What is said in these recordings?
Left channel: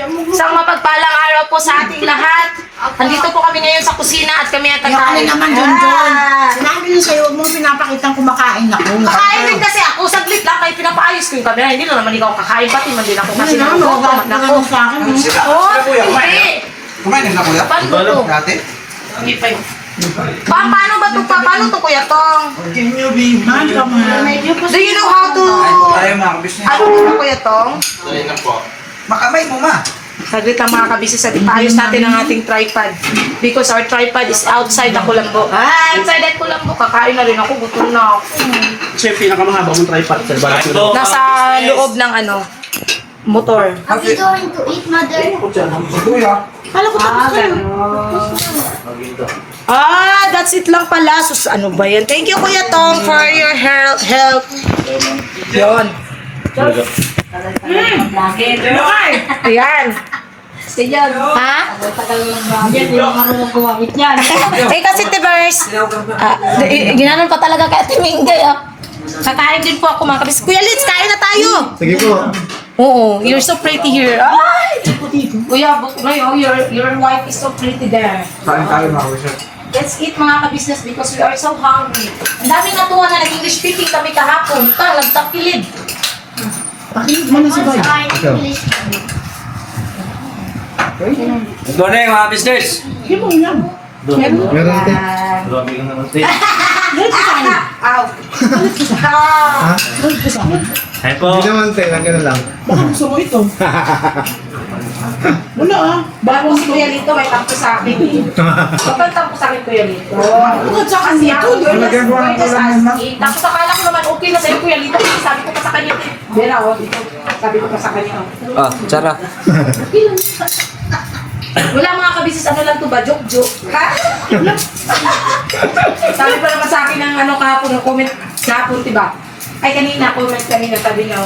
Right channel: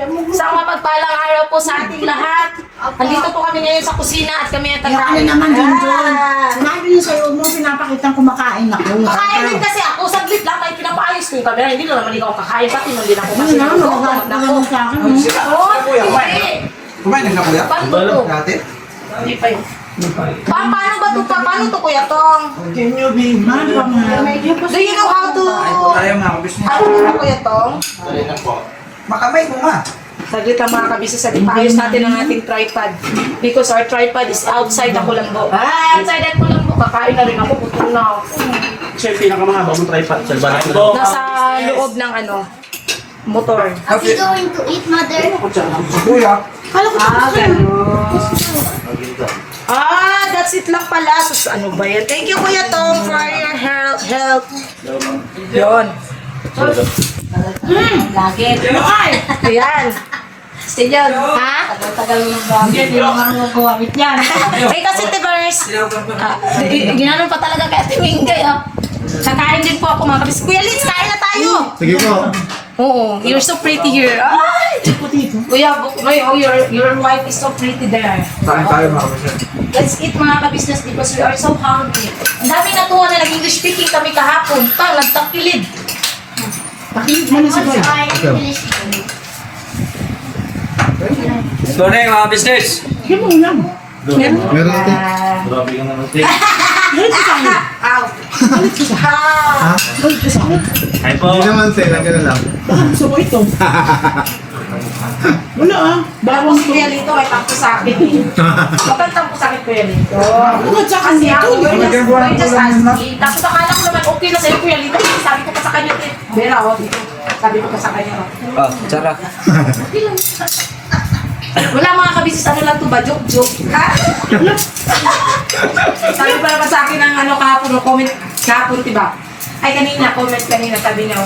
Isang mapagpalang araw po sa ating lahat. Andito po kami ngayon sa kusina at kami at Yung ano naman, John. Sinabi niyo sa'yo, huwag mo pinapakitang kumakain ako. Kakain din kasi ako, saglit lang, may pinapaayos ko yung camera. Hindi na naman ikaw kakain, pati man din ako kasi. Ano na, magagawa sa akin. Oo, hindi. Kumain na kuya? Paano to? Dati? Hindi pa yun. Paano ba ito? Paano to, Kuya Tong? Can you be Man ka mo. Do you know how to... Ayaw mga kabisnes. Ano to, Kuya Tong? Dali na po. Makamay mo ma. Saglit lang mga kabisi, saglit ayos natin ang ating tripod. Because our tripod is outside ako lang po. Outside ako lang po. Kakain na rin ako, putol na ako. Siya yung pinakamahabang mong tripod sa bahay ko. Nasa loob ng ano, motor. Are we going to eat, mother? Kuya. Kala ko tapos ka na. That's it lang pala. Sus, ano ba yan? Thank you, Kuya Tong, for your help. Yun. Ayan. Siyan. Ha? Tagal ng bago. Hindi mo marunong gumamit yan. Eh kasi Tibers, ginanon pa talaga kay Ate Mingay ah. Kakain din po ako mga kabis. Kuya Litz, kain na tayo! Sige po. Oo, you're so pretty here. Ay! Kuya, your wife is so pretty there. Kain tayo mga kabisnes. Let's eat mga kabisnes because we are so hungry. Ang daming natuwa na nag-English speaking kami kahapon. Nagtakilid. Pakinig mo na si Boy. Ito na yung mga business. Sige mo lang. Meron ito. Grabe ka naman ito. Ow. Ay po. Hindi naman ito. Lang na lang. Baka gusto mo ito. Wala ah. Bago si Kuya Lito, may tampo sa akin. Bakit tampo sa akin, Kuya Lito? Bukod sa akin Kasi dito. ako, you're Nagagawa just ko lang asking. Tapos akala ko naman, okay na sa'yo, Kuya Lito. Kasi sabi ko pa sa kanya, Vera, oh, dito. Sabi ko pa sa kanya, oh. Ah, tsara. Wala mga kabisis, ano lang to ba? Joke. Sabi pa naman sa akin ng ano kahapon, no, comment kahapon, diba? Ay, comment kanina, sabi niya,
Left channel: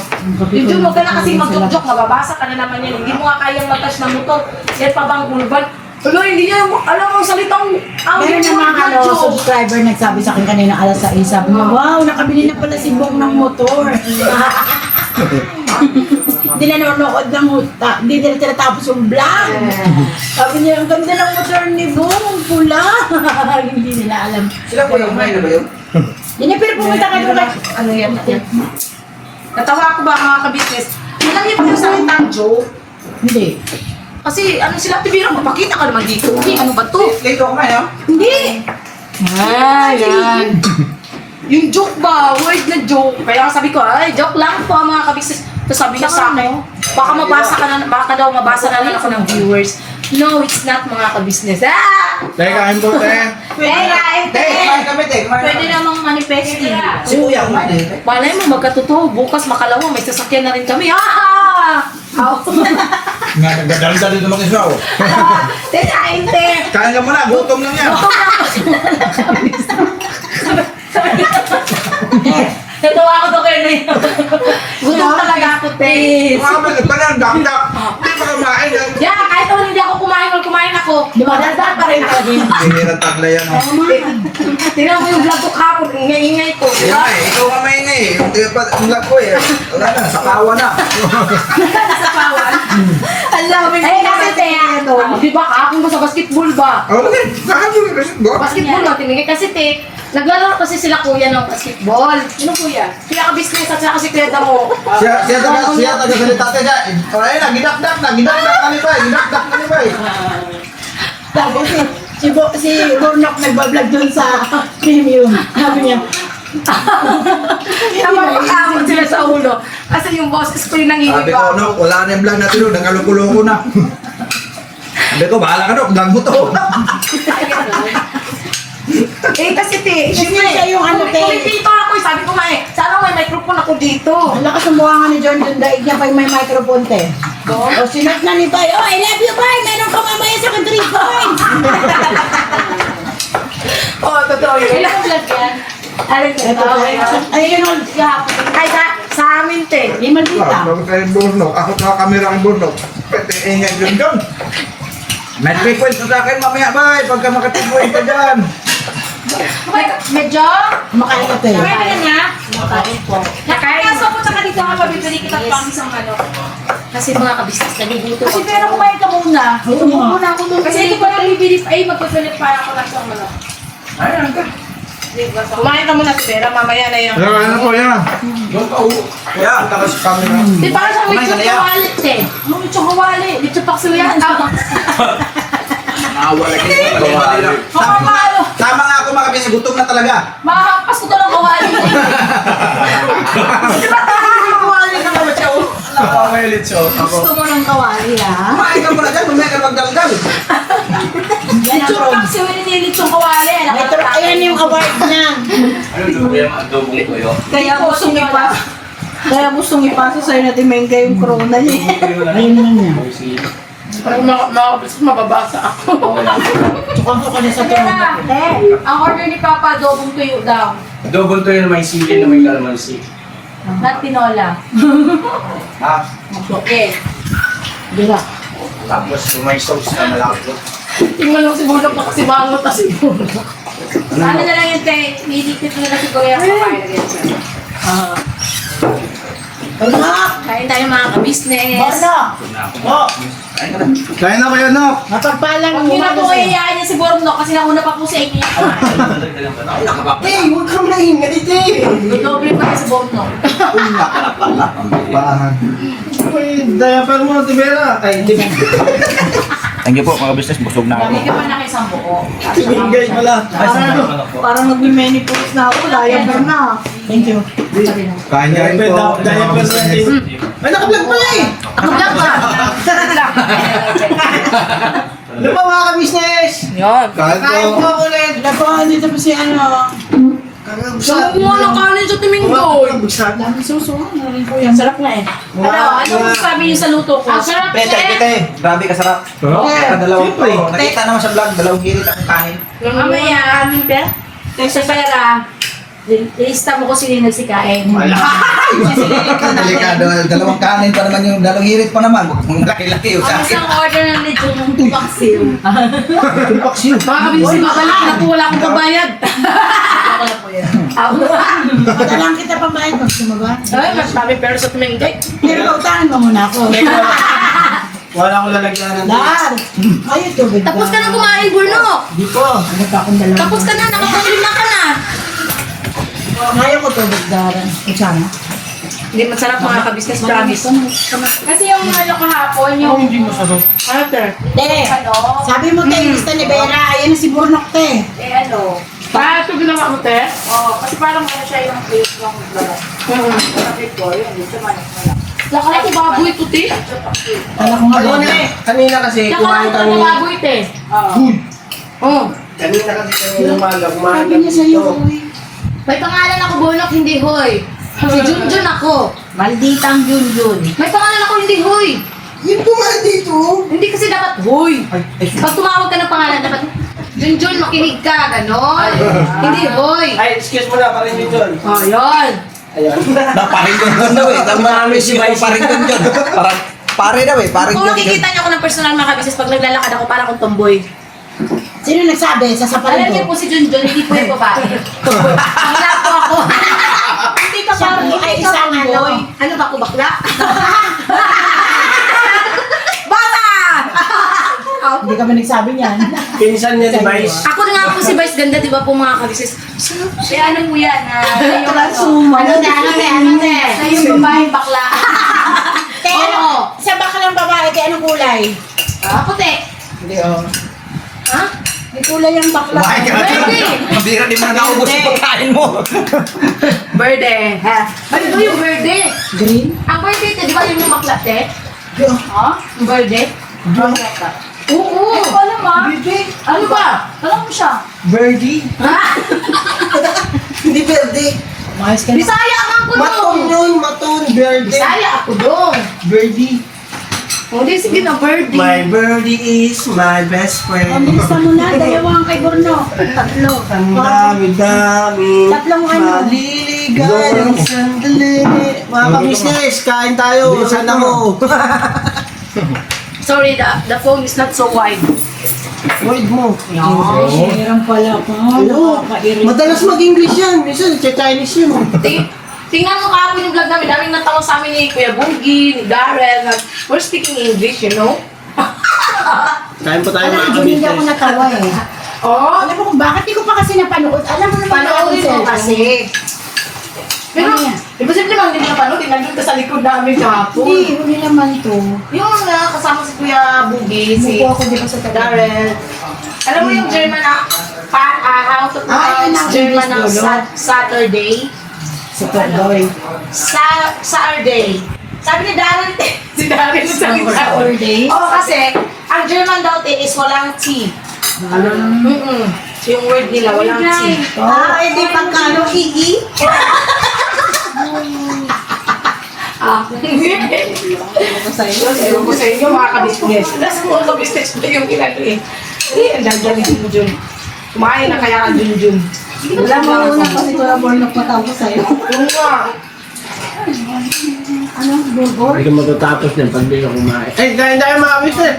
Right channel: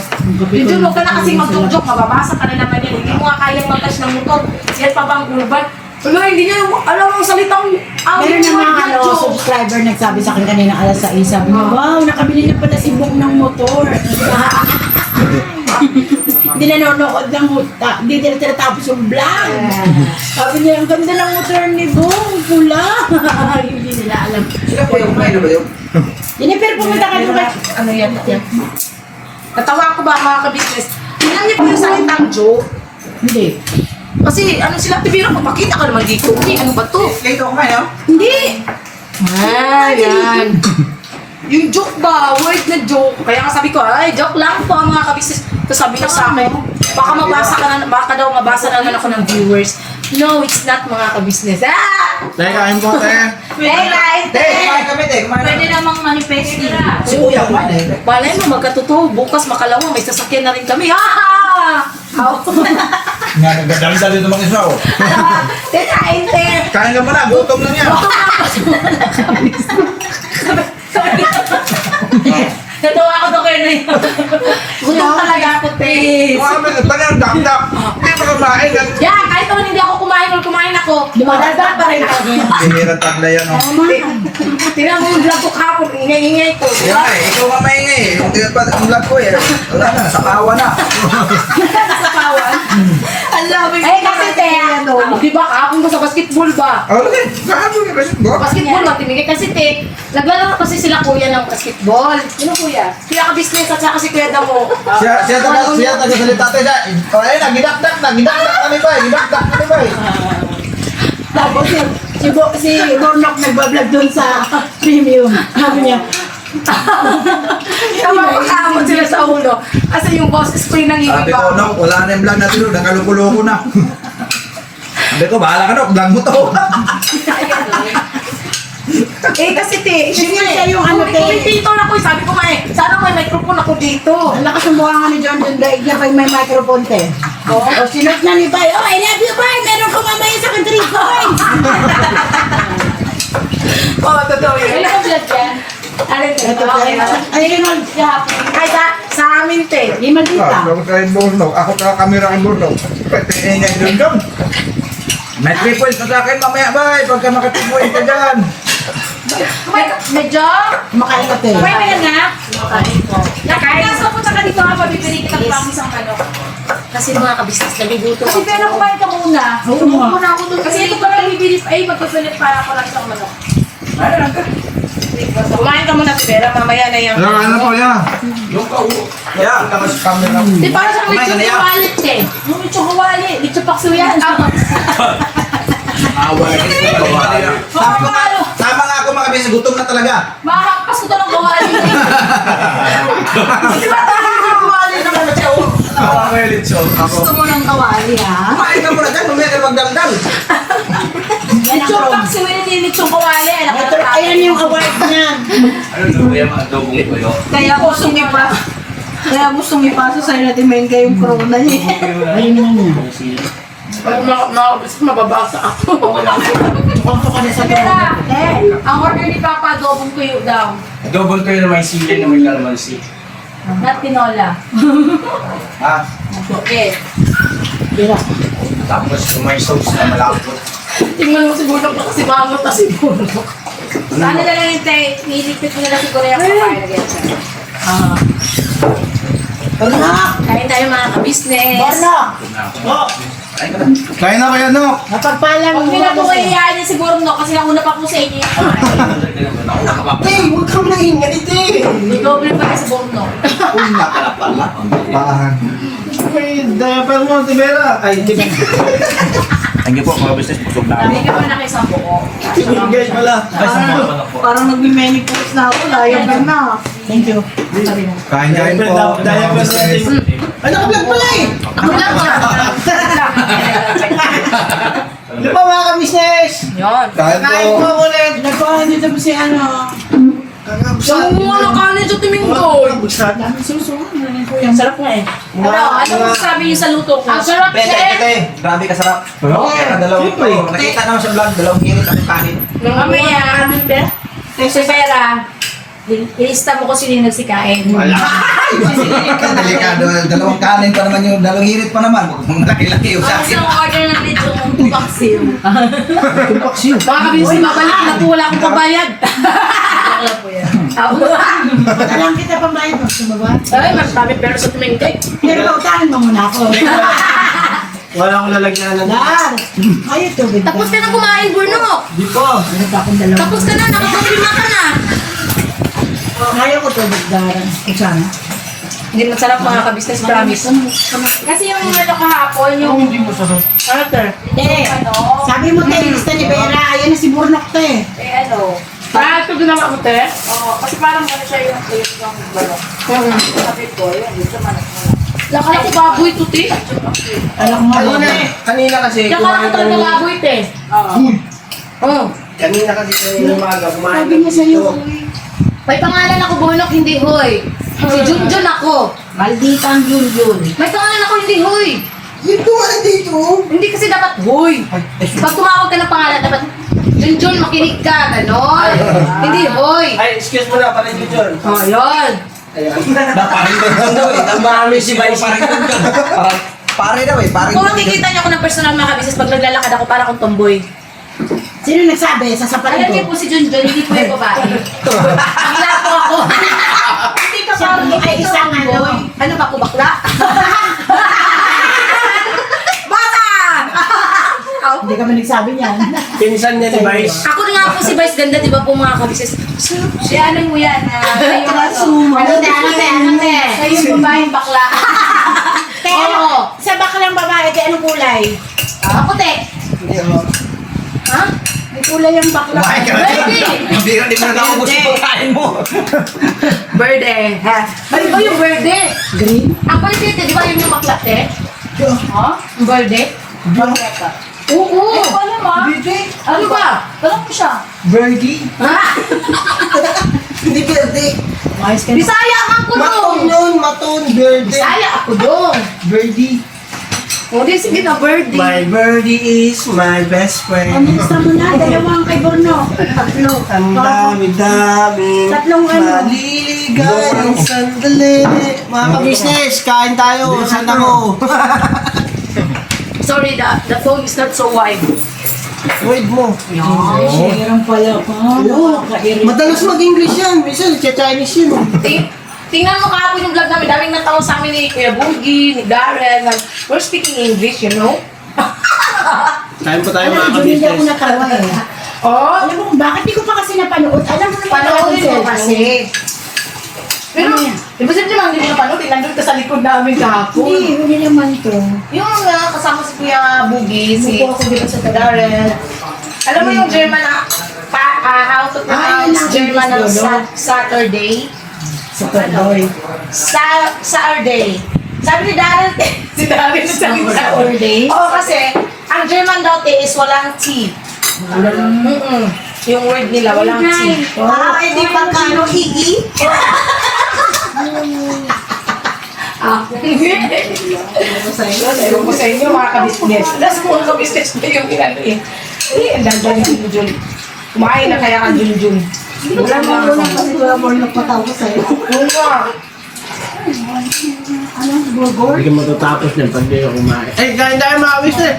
yung Jun, huwag ka na kasing mag-joke, mababasa ka na naman yan. Hindi mo nga kayang mag-touch ng motor. Yan pa bang urban? Wala, hindi niya, alam mo, salitang, Meron na mga subscriber nagsabi sa akin kanina alas 6. Sabi mo, wow, nakabili na pala si Bong ng motor. Hindi na nanonood ng hindi na tinatapos yung vlog. Sabi niya, ang ganda ng motor ni Bong, pula. Hindi nila alam. Sila po yung kumain na ba yun? Dinipir, pumunta ka doon. Ano yan? Natawa ko ba mga kabisnes? Alam niyo po yung salitang joke? Hindi. Kasi ano sila, tibira mo, makita ka naman dito. Okay, ano ba to? Late ako kumain no? Hindi! Yan. Yung joke ba? Word na joke. Kaya sabi ko, ay, joke lang po mga kabisnes. Tapos sabi niya sa akin, baka daw mabasa na lang ako ng viewers. No, it's not mga kabisnes. Tayo kain po tayo. Kumain kami te. Pwede namang manifesting. Si kuya kumain eh. Balay mo, magkatotoo. Bukas makalawa, may sasakyan na rin kami. Ha! Nga, nagdadami sa dito mga isa oh. Tinain, te! Kain ka muna, gutom lang yan. Natawa ako doon kayo na yun. Gutom talaga ako, te. Kumain, tagang dak-dak. Hindi pa kumain. Yeah, kahit naman hindi ako kumain ako. Dumadagdag pa rin ako. Bihirang tabla yan oh. Tingnan mo yung vlog ko kahapon, ingay-ingay ko. Yan nga eh, ikaw ka maingay eh. Yung vlog ko eh. Wala na, sa kawa na. Sa kawan. Eh, kasi te, ano, di ba kahapon ko sa basketball ba? Oh, okay. Kakabot yung basketball. Basketball na tinigay kasi te, naglalaro kasi sila kuya ng basketball. Sino kuya? Kuya ka-business at saka si Kuya Damo. Siya taga-salita tayo siya. Ayun na, gidakdak kami pa eh. Gidakdak kami pa eh. Tapos si Gornok nagbablog doon sa premium. Sabi niya, Napapakaamot sila sa ulo. Kasi yung boss spray nang Sabi ko, no, wala na yung vlog natin doon. Nakalukulo ko na. Sabi ko, bahala ka no, vlog mo to. Eh kasi te, siya yung ano, te. Kumipito na ko, sabi ko nga eh, sana may microphone ako dito. ang lakas ng buha nga ni John doon dahil niya kay may microphone te. O sinot na ni Bay, oh I love you Bay, meron ka mamaya sa akin 3 points. Oo, totoo yun. Ano ang vlog yan? Alin ka? Ito te. Ay, Ay, sa amin te. limal dita. Tapos kayo burno. Ako ka kamera kay burno. Pwede ingay doon doon. May 3 points na sa akin mamaya ba? Pagka maka 3 points ka dyan. Medyo? Kumakain ka te. Kumain ka na nga? Nakain. Nakain. Nasa po ka dito nga, pabibili kitang pang isang manok. Kasi mga kabisnes, nagugutom Kasi ako. pero kumain ka muna. Oo nga. Muna ako dun. Kasi ito pa lang bibili, ay magpapalip para ako lang siyang manok. Kumain ka muna, Tibera, mamaya na yan. Ano po yan? Kaya, tapos camera. Di para siyang Kumain ka lechon na yan. kawalit eh. Yung lechon kawalit, lechon pakso yan. Wala kayo. Tama nga ako mga kabisnes, gutom na talaga. Makakampas ko to ng kawalit eh. Di ba talaga kumali na mga chow? Nakakamayalit chow. Gusto mo ng kawali ha? Kumain ka muna dyan, mamaya ka magdamdam. Yan ang Lechon prom. pakso yun, yung lechon kawalit. Ito, ayan yung award niya. Ano daw ba yung adobong tuyo? Kaya gustong ipasa. Kaya gustong ipasa sa'yo na Timenga yung corona niya. Ayun na niya. Mababasa ako. Tukang ka na sa Tibera, tulog. ang order ni Papa, adobong tuyo daw. Adobong tuyo na may sili na may calamansi. Not tinola. Ah, Okay. Dira. tapos yung may sauce na malapot. Tingnan mo si Bulok na kasi mangot na si Bulok. Ano na lang yung nilipit nyo na siguro yung kakain na ganyan. Borno! Kain tayo mga ka-business. Borno! Oh, Kain na kayo, no? mapagpalang Huwag nyo na po kayayain niya si Borno kasi nauna pa po sa inyo yung kumain. Huwag kang maingay dito eh. Doble pa si Borno. Una ka na pala. Pahan. May diaper mo, Tibera. Ay, hindi. Thank you po mga business, busog na Sabi ka pa na kayo sa buo. Guys, pala. Parang nag-menopause na ako. Layag ka na. Thank you. Kain po. Diaper natin. Ay, nakablog pala eh. Ako lang ka. Ano pa mga ka-business? Yun. Kain po ulit. Nakuha dito po si ano. Namunga ng kanin sa Tumingo. Dami suso. Ano rin po Ang yan? sarap nga eh. Pero ano sabi niyo sa luto ko? Ang sarap eh. Grabe ka sarap. Dalawang nakita naman sa vlog, dalawang hirit ang kanin. Mamaya, kanin per. Kasi pera. Ilista mo ko sino yung nagsikain. Delikado, dalawang kanin pa naman yung dalawang hirit pa naman. Ang laki-laki yung sa Ang akin. isang order ng lechon ng tupaksiw. Tumpaksiw. Mga kabilis ni babalik na po wala akong babayad. Ako lang po yan. Ako Madalang kita pambayad mo. Sumaba. Ay, mas kami pero sa tumingkay. Pero pautahan mo muna ako. Wala akong lalagyan ng... Dar! Ayaw tubig ka. Tapos ka na kumain, Bruno. Di po. Ano pa akong dalawa? Tapos ka na, nakakulima ka na. Ayaw ko tubig, Dar. Kusama. Hindi masarap mga ka-business, promise. Kasi yung ano kahapon, yung... Hindi mo sarap. Ano, sir? Te, sabi mo te, lista ni Vera. Ayan na si Burnok te. Eh, ano? Ito ginawa mo, te? Oo, kasi parang ano siya yung taste ng balok. Sabi ko, yun, dito manok mo lang. Lakala ko baboy ito, te. Alam mo nga. Kanina kasi Lakala ko ito baboy, te. Oo. Kanina kasi sa umaga, kumain Sabi niya sa'yo. May pangalan ako, Bulok, hindi Hoy. Si Junjun ako. Malditang Junjun. May pangalan ako, hindi Hoy. Yung tumahan dito. Hindi kasi dapat Hoy. Pag tumawag ka ng pangalan, dapat Junjun, makinig ka, ganon. Hindi Hoy. Ay, excuse mo na, parang yun yun. Oh, yun. Ayun. Paringgan doon daw eh. Marami si Vice. Paringgan doon. Parang pare daw eh. Paringgan Kung makikita niyo ako ng personal mga kabisnes, pag naglalakad ako, parang akong tomboy. Sino nagsabi? Sasaparin Alam ko. niyo po si Junjun, hindi po yung babae. Bakla po ako. Hindi ka Siya parang po ay isang ano. Ano ba ako, bakla? Bata! Hindi kami nagsabi niyan. Pinsan niya ni Vice. Ako na nga po si Vice Ganda, di ba po mga kabisnes? Eh, ano mo yan? Yung Sumo. Ano te? Sa yung babaeng bakla. Kaya ano? Oo. Sa baka ng babae, kaya anong kulay? Puti. Ha? May kulay ang bakla. Kumain ka na dyan. Hindi rin mo na naubos yung pagkain mo. Verde. Ha? Ano ba yung verde? Green? Ang verde, te, di ba yung bakla, te? Ha? Yung verde? Oo. Ano ba naman? Ano ba? Alam mo siya. Birdie. Ha? Hindi verde. Umayos ka na. Bisaya ka ako doon. nun, maton, verde. Bisaya ako doon. Birdie. Hindi, sige na, verde. My birdie is my best O, friend. nilista mo na. Dalawang kay Borno. Tatlo. Ang dami-dami. Tatlong ano. Maliligay ang sandali. Mga ka-business, kain tayo. Saan ako? Sorry, the phone is not so wide. Wait mo. Share pala pa. Nakakairin. Madalas mag-English yan. Minsan, Chinese yun. Tingnan mo kahapon yung vlog namin. Daming natawa sa amin ni Kuya Boogie, ni Darren. We're speaking English, you know? Kain pa tayo mga Hindi ako kabisnes. natawa eh. Oo. Alam mo kung bakit di ko pa kasi napanood. Alam mo naman Panoorin mo kasi. Pero, Ano yan? di ba siyempre lang hindi mo napanood? Nandun ka sa likod namin kahapon. Hindi, huli naman to. Yung nga, kasama si Kuya Boogie, si Buko ako dito sa Darren. Alam mo yung German na, how to pronounce German ng Saturday? Sa Pagloy. Saturday. Sabi ni Darren, si Darren yung sabi sa Saturday? Oo, kasi, ang German daw is walang T. Yung word nila, walang T. Hindi pagkano higi? Ewan ko sa inyo, mga ka-business. Tapos kung mga ka-business na yung inano eh. Ang ganda ni Jun. Kumain na kaya ka Jun. Wala mo una kasi Kuya Boy nagpatawa sa'yo. Yung nga. Ano? Burgor? Hindi ka matatapos niyan pag di ka kumain. Eh, kain tayo mga kabisnes.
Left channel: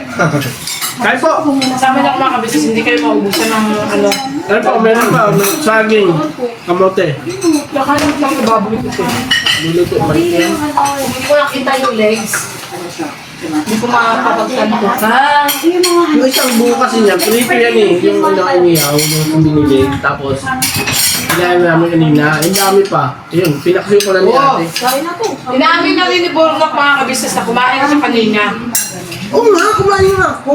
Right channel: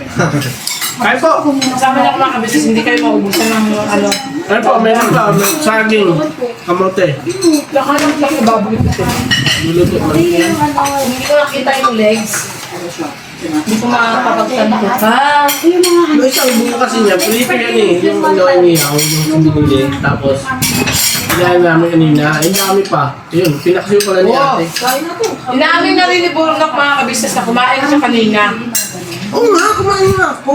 Kain po. Sabi na mga ka-business, hindi kayo maubusan ng ano. Ano po, meron pa. Saging. Kamote. Nakalang lang yung baboy ko. Niluto man yan. Hindi ko nakita yung legs. Hindi ko makapagtan ko ka. Yung isang buo kasi niya, prito yan eh. Yung ano inihaw, yung binili. Tapos, kailangan namin kanina. Ang dami pa. Yun, pinaksiyo pa na niya. Wow! Inaamin na rin ni Bornok mga ka-business na kumain na siya kanina. Oo nga, kumain na ako.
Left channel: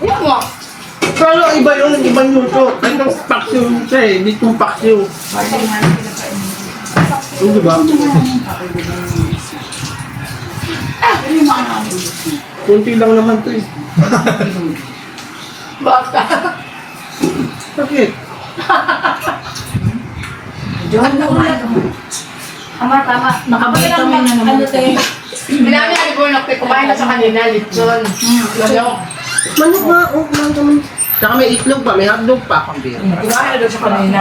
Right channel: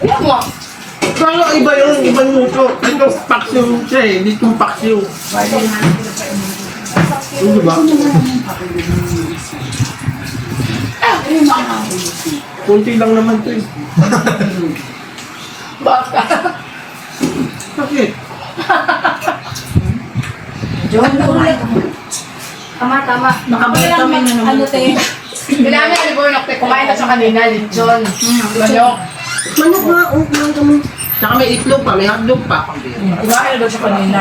Ayan mo. Kala iba yung ibang luto. Ito paksiw siya eh, dito paksiw. Hindi ba? Kunti lang naman ito eh. Baka. Bakit? Tama. Nakabalik kami na naman. Ano tayo? Inaamin na ni Bornok, kumain na siya kanina, lechon. Manok. Manok nga, oh, kumain kami. Tsaka may itlog pa, may hotdog pa. Kumain na daw siya kanina.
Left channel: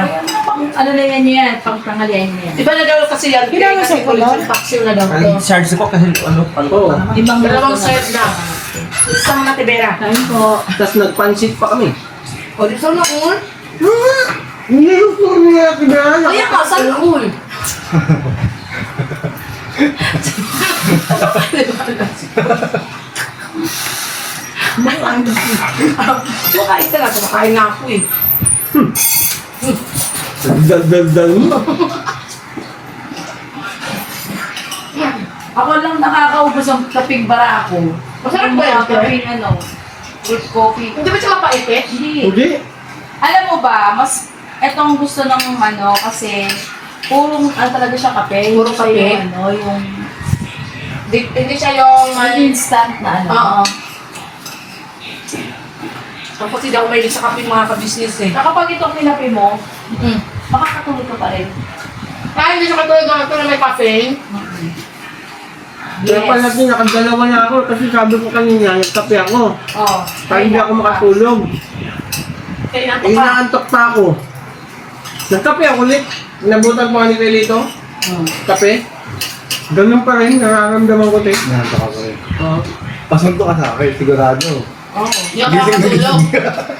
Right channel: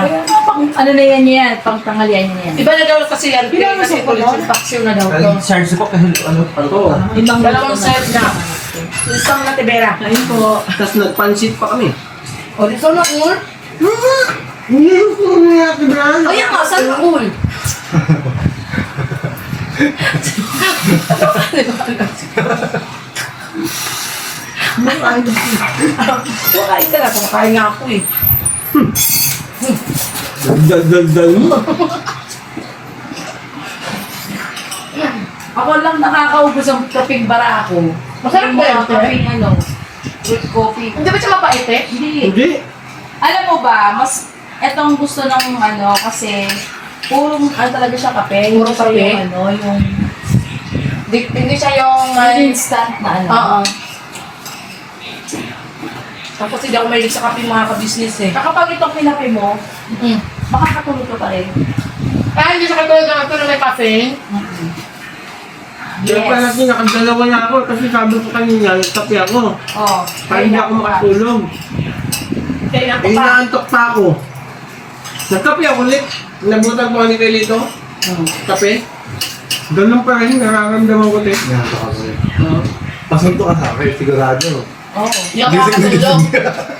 Ano na yan? Pang tanghalian yan. Iba na daw kasi yan, kasi ito lechon paksiw na daw to. Charge ko kasi ano. Oo. Ibang Dalawang luto na. set na. Isang matibera. Kain po. Tapos nagpansit pa kami. O, dito na cool. Hindi yung puro nga, Tibrano. O, yan ka, saan na cool? Kumakain ka na, kumakain na ako eh. Dal-dal-dal mo. Ako lang nakakaubos ang kaping bara ako. Masarap Yung ba mga yun, Te? kaping ano, with coffee. Hindi ba siya mapait eh? Hindi. Hindi. Alam mo ba, mas etong gusto ng ano kasi purong ano talaga siya kape. Puro Hindi siya kape? Yung, ano, yung Hindi siya yung... instant na ano. Oo. Tapos hindi ako mahilig sa kape mga ka-business eh. Kapag itong nilapi mo, Mm. makakatulog ka pa rin. Kaya hindi siya katulad ng ito na may caffeine. Kaya pala natin nakadalawa na ako kasi sabi ko kanina, nagkape ako. Oh. Para hindi ako makatulog. Kaya Eh, nato pa. inaantok pa ako. Nagkape ako ulit. Nabutan ko ni Kailito. Kape. Ganun pa rin, nararamdaman ko din. Pasunto ka sa akin, sigurado. Oh. Hindi ako makatulog.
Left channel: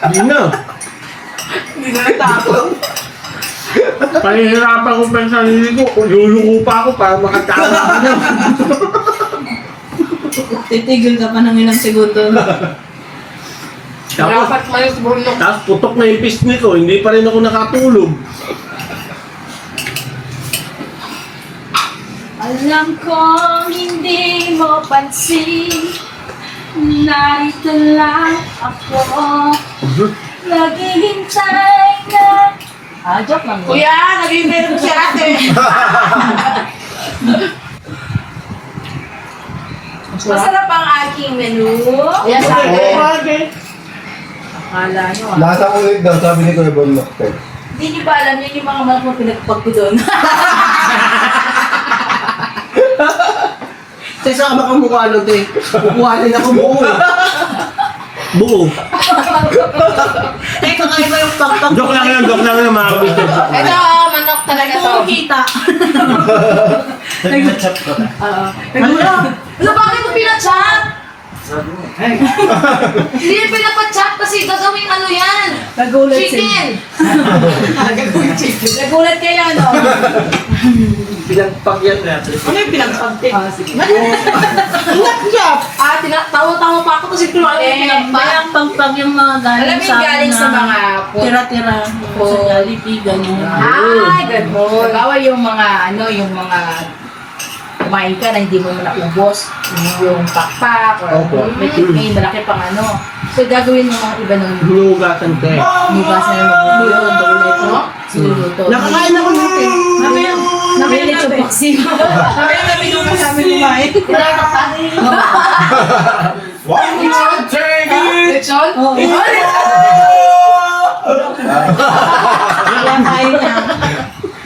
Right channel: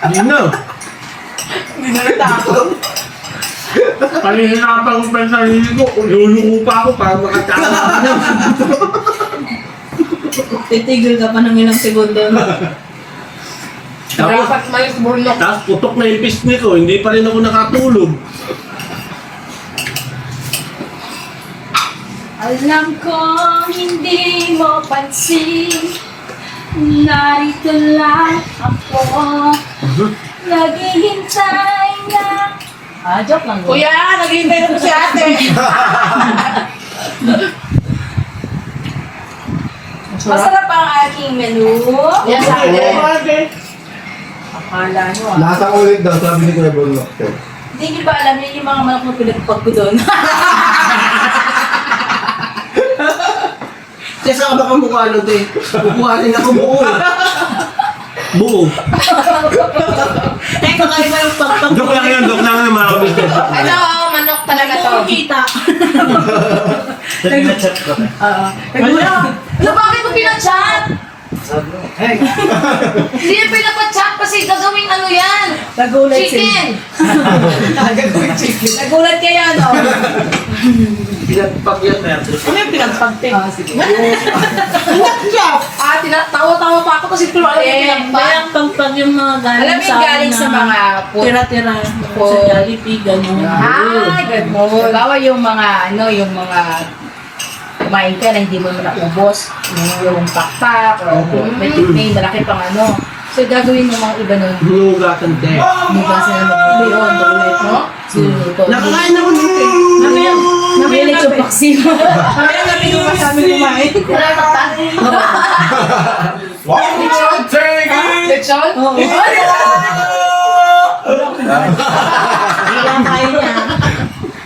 Hindi na. Hindi na natakot. Panihirapan ko pa sa sarili ko. Luluko pa ako para makatawa ako. Titigil ka pa ng ilang segundo. Tapos, Dapat malis Bornok. tapos putok na yung pisngi ko, hindi pa rin ako nakatulog. Alam ko hindi mo pansin. Narito lang ako. Naghihintay na. Joke lang. Kuya, naghihintay na po si ate. Masarap ang aking menu. Yes, ate. Akala nyo Nasa ulit daw, sabi ni Kuya Bonlock. Hindi nyo ba alam yun yung mga manok na pinagpag ko doon? Kasi saan ka ba kamukha nun, te? Kukuhanin ako buo. Buo. Teka, kayo ba yung pagpag Joke lang yan, mga kabisnes. Ito, manok talaga to. kita? Nag-chat ko. Ano, bakit mo pinag-chat? Hindi yung pinag-chat kasi gagawing ano yan. Nagulat sila. Chicken! Nagulat kayo, no? Pinagpag yan natin. Ano yung pinagpagte? Sige. Tawa-tawa pa ako kasi kung alam Eh, yung Kaya pagpag yung mga Alam galing mo sa yung galing sa na mga food. tira-tira sa Food. Jollibee, gano'n. Ay, good mo. Gawa yung mga, yung mga kumain ka na hindi mo naubos. Yung pakpak, or may malaki pang ano. So, gagawin mo mga iba nun. Hinugatan ka eh. Bukasan na mag yun. No? Sinuto. Nakakain ako nito eh. Mamaya Mahilig yung vaccine. mamaya namin yung kasama kumain. Wala yung takta. Wow! Take it! Lechon? Oo. Kinakain niya.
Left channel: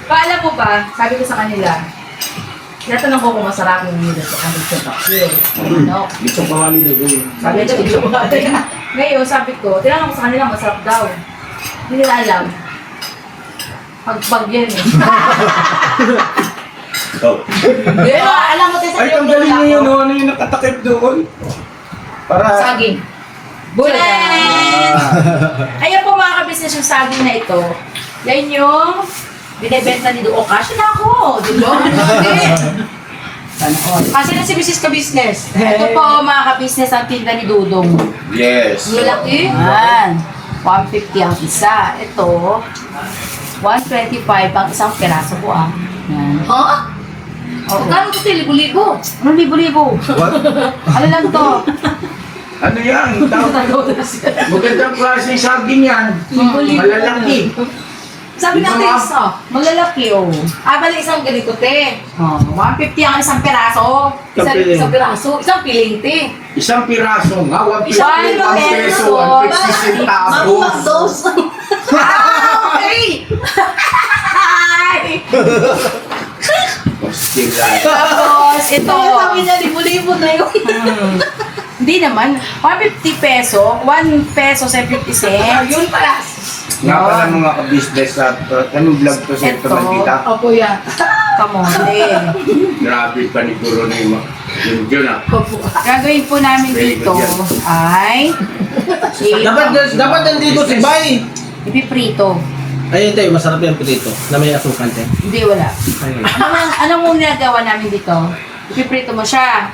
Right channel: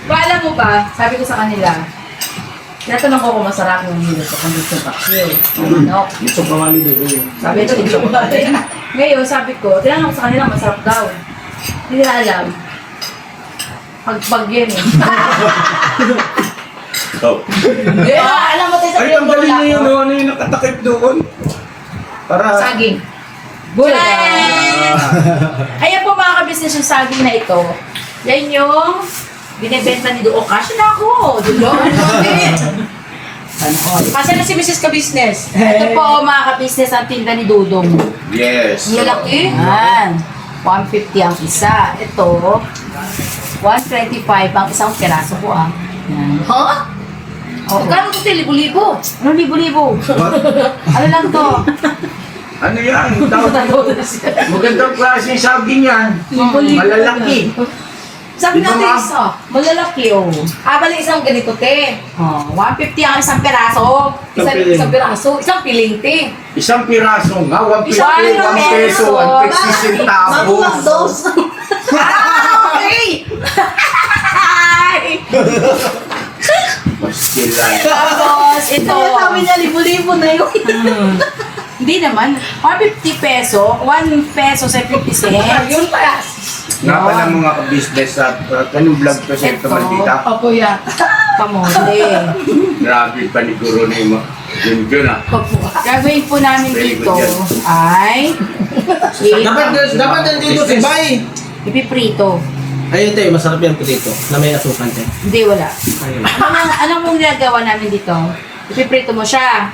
Paalam mo ba, sabi ko sa kanila, natanong ko kung masarap yung nila sa kambing sa vaccine. No? Gusto pa nga nila ko yun. Sabi ko, ngayon, sabi ko, tinanong ko sa kanila, masarap daw. Hindi nila alam. Pag yan eh. Oh. Pero alam mo, tayo Ay, tanggalin niyo yun, ano yung nakatakip doon? Para... saging. Bulad. Ayan po mga kabisnes yung saging na ito. Yan yung binibenta ni Duo. Kasi na ako. Dulo. Kasi na si Mrs. Kabisnes. Ito po mga kabisnes ang tinda ni Dudong. Yes. Lalaki? Yan. 150 ang isa. Ito, 125 ang isang peraso po ah. Yan. Ha? Oo. Magkano ito? Libo-libo. Anong libo-libo? What? Ano lang to? Ano yan? Magandang klase yung saging yan. Malalaki. Sabi Di ba, natin ma'am? isa, malalaki oh. Bali isang ganito te. Oh, 150 ang isang peraso. Isang peraso, isang piling te. Isang piraso nga, 150, Isang 1 peso, peso. 150 centavos. Magmakdos. Ah, okay! Ay! Bastil lang. Tapos ito, Kaya sabi niya, libo-libo na yun. hindi naman, 150 peso, 1 peso sa 50 cents. Yun pala. Nga pala mga ka-business sa kanong vlog to sa ito Ito. maldita. Opo yan. Kamote. Grabe pa ni Corona yun ah. Gagawin po namin Very dito good yan. ay Dapat nandito si Bay. ipiprito. Ayun tayo, masarap yung pilito na may asukal tayo. Hindi, wala. Anong mong ginagawa namin dito? Ipiprito mo siya.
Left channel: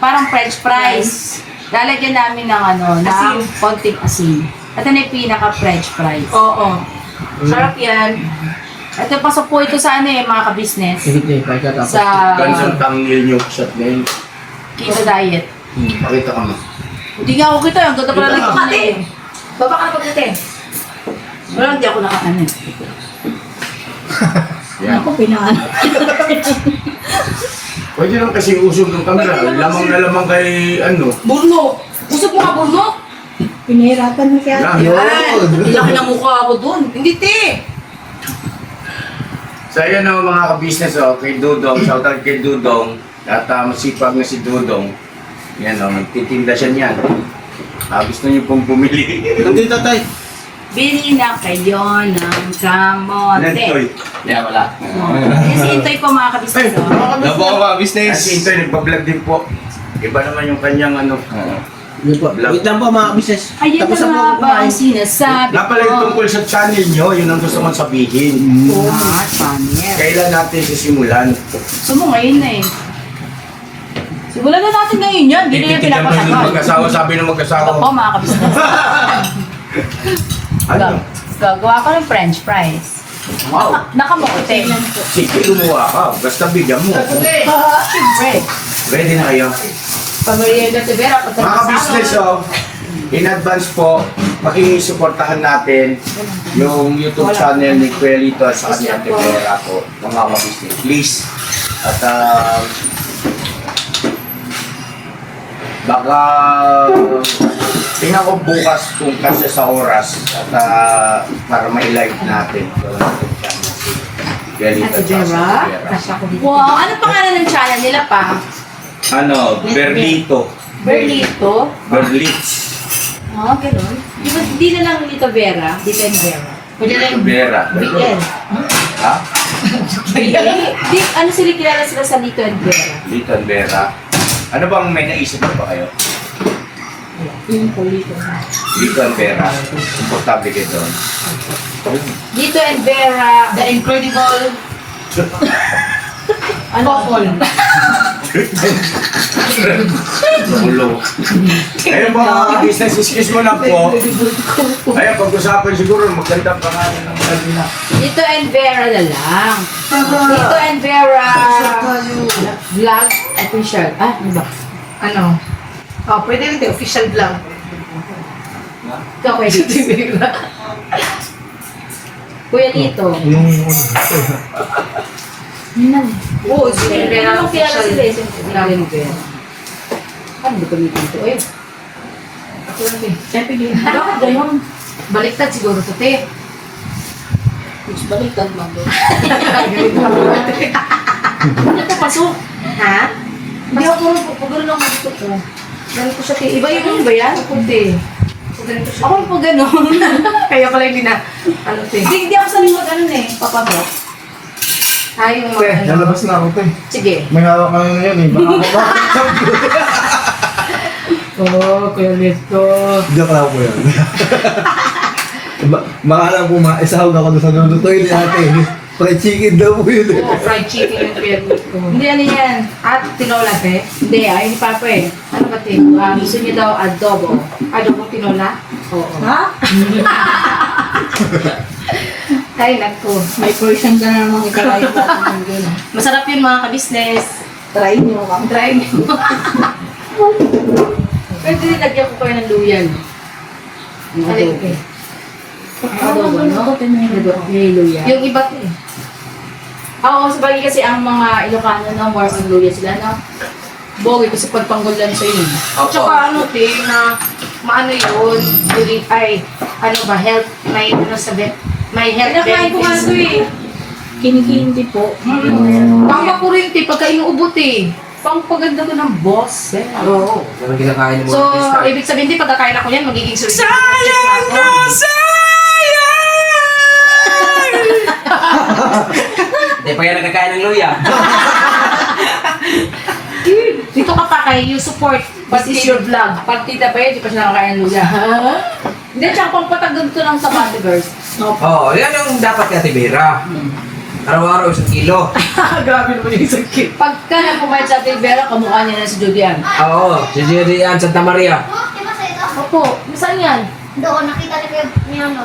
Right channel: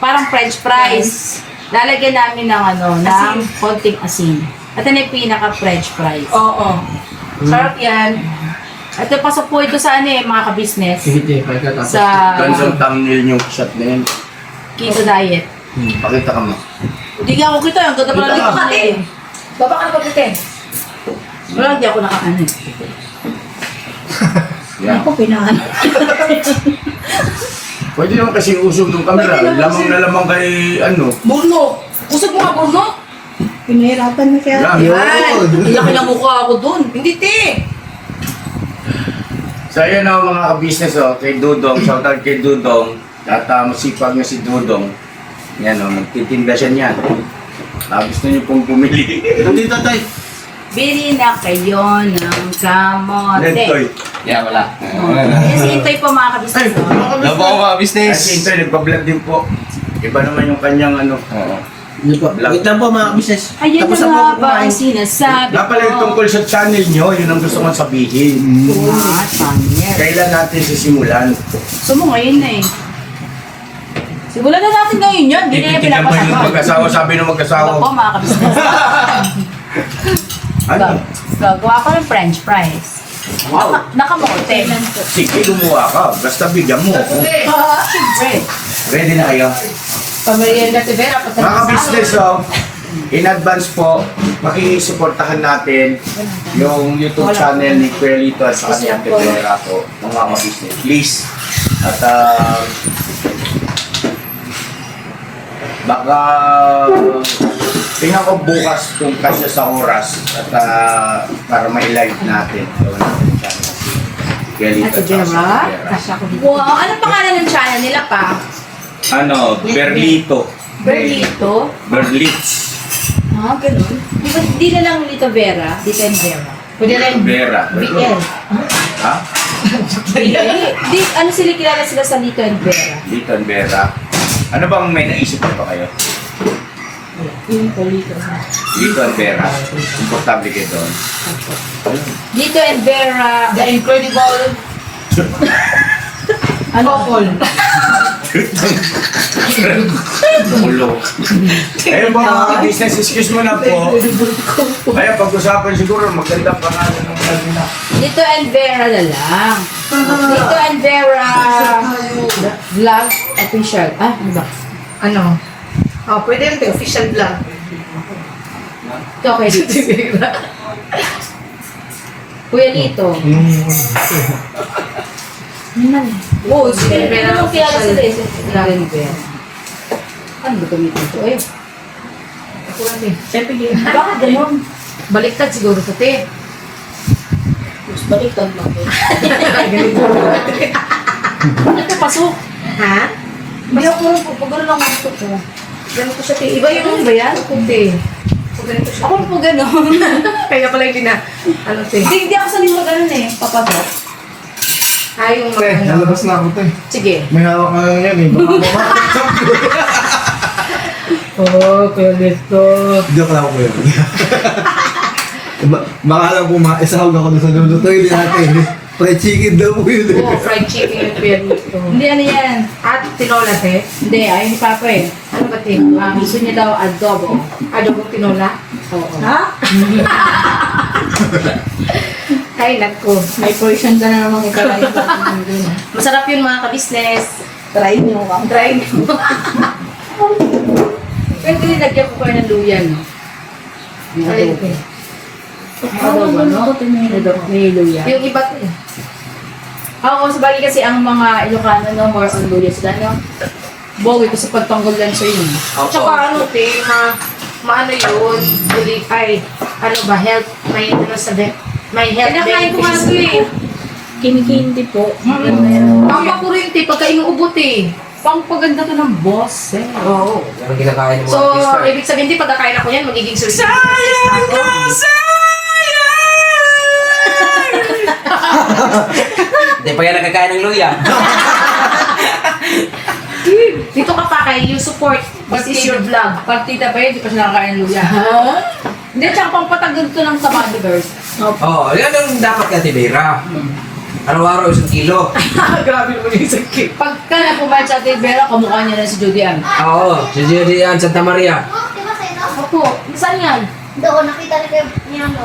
Parang french fries. Lalagyan namin ng ng konting asin. Ito na yung pinaka-french fries. Oo. Sarap yan. Ito, pasok po ito sa mga kabisnes. Hindi, Bay ka tapos. Sa Gansang thumbnail yung shot na yun. keto diet. Pakita ka mo. Hindi nga ako kita. Ang ganda pala dito ka eh. Baba ka na pagkite. Wala, hindi ako nakakanin. Yan. Ako pinaan. Pwede naman kasi usog ng camera. Lamang na lamang kay ano. Burno! Usap mo ka, Burno? Pinahirapan na siya. Yan. Yan! Ilaki ng mukha ako dun. Hindi, te! So ayan o mga ka-business kay Dudong, shoutout kay Dudong. At masipag na si Dudong. Yan nagtitinda siya niyan. Gusto niyo pong pumili. Hindi tatay. Bili na kayo ng kamote. Nentoy. Yeah, wala. Kasi Intoy po mga kabisnes. Labo ako mga business. Kasi Nentoy nagpa-vlog din po. Iba naman yung kanyang Yun po. Wait lang po mga business. Ayan Tapos na ang nga mga ba ang kumain. sinasabi Nga pala yung tungkol sa channel nyo, yun ang gusto kong sabihin. Channel. Kailan natin sisimulan? Gusto mo ngayon na eh. Simulan na natin ngayon yan. Hindi na yung Titigan ba yung pinapasakal. mag-asawa, sabi ng mag-asawa. Ito po mga kabisnes. Ano? Gagawa ko ng french fries. Wow. Nakamote. Sige, gumawa ka. Basta bigyan mo. Siyempre. Ready na kayo? Pamerienda si Vera. Mga ka-business, in advance po, makikisuportahan natin yung YouTube channel ni Kuya Lito at sa kanyang Tevera po, mga ka-business. Please. At baka tingnan ko bukas kung kasya sa oras at para may live natin. Gawin natin yung channel si Kuya Lito at sa Tevera. Wow, ano pangalan ng channel nila pa? Ano, Berlito. Berlito? Berlitz. Ah, ganun. Di na lang Lito Vera. Lito and Vera. Pwede rin Vera. BL. Ha? Di, ano sila kilala sila sa Lito and Vera? Lito and Vera. Ano bang may naisip mo pa kayo? Dito ang pera. Komportable kayo doon. Dito and Vera, the incredible couple. Ulo. Ayun po mga business, excuse mo lang po. Ayun, pag-usapan siguro, maganda pa nga ng mga nila. Dito and Vera na lang. Dito and Vera vlog official. Ah, ano ba? Ano? Oh, pwede rin kayo, official vlog. Okay, dito Vera. Kuya Lito. Oo, sige, Vera Ano kaya official. sila eh? Lagi ni Vera. Ano ba gamitin ito? Eh, bakit ganyan? Baliktad siguro ito, te. Baliktad lang po. Ano ito, pasok? Ha? Hindi ako rin po, pag gano'n lang gusto ko. Ganito siya, te. Iba yung ba yan? Ako, te. Ako po gano'n. Kaya pala hindi na, ano siya. Hindi ako sanima gano'n eh. Papasok. Ay, yung mga Lalabas na ako, te. Sige. May hawak ka na yan eh. Baka makakasap ko. Oo, Kuya Lito. Joke lang po yun. Baka lang po maisahog ako sa lulutoy ni ate. Fried chicken daw po yun. Oo, fried chicken with Pierre. Hindi, ano yan? At tinola, te? Hindi, ay, ni Papa eh. Ano ba, te? Gusto niya daw adobo. Adobo tinola? Oo. Ha? Ay, nagko. May portion na naman ikalay ba? Masarap yun mga ka-business. Try nyo ka. Try niyo. Pwede nilagyan ko kayo ng luya, no? Yung adobo. Adobo, no? Adobo, may luya. Yung iba, te. Oo, sabagay kasi ang mga Ilocano, no? More on luya sila, no? Bogi kasi pagtanggol lang sa yun. Tsaka ano, te, maano yun, ulit, ay, ano ba, health, may, ano sabi, may health Pinakain ko nga ito eh. Kinikindi po. Pampapuro yung te, pagka inuubot eh. Pampaganda to ng boss, eh. Oo. Yung kinakain mo. So, ibig sabihin, di pagkakain ako yan, magiging success na ako. Hindi pa yan nagkakain ng luya. Dito ka kakain, you support. This is your vlog. Partida pa yun, di pa siya nakakain ng luya. Hindi, tsaka pampatagod to ng sabado, girls. Oo, yan yung dapat kay Ate Vera. Araw-araw 1 kilo. Grabe naman yung sakit. Pagka nakumain sa Ate Vera, kamukha niya na si Judian. Oo, si Jerry yan, Santa Maria. Diba sa ito? Opo, saan yan? Doon, nakita ni Kuya Miano.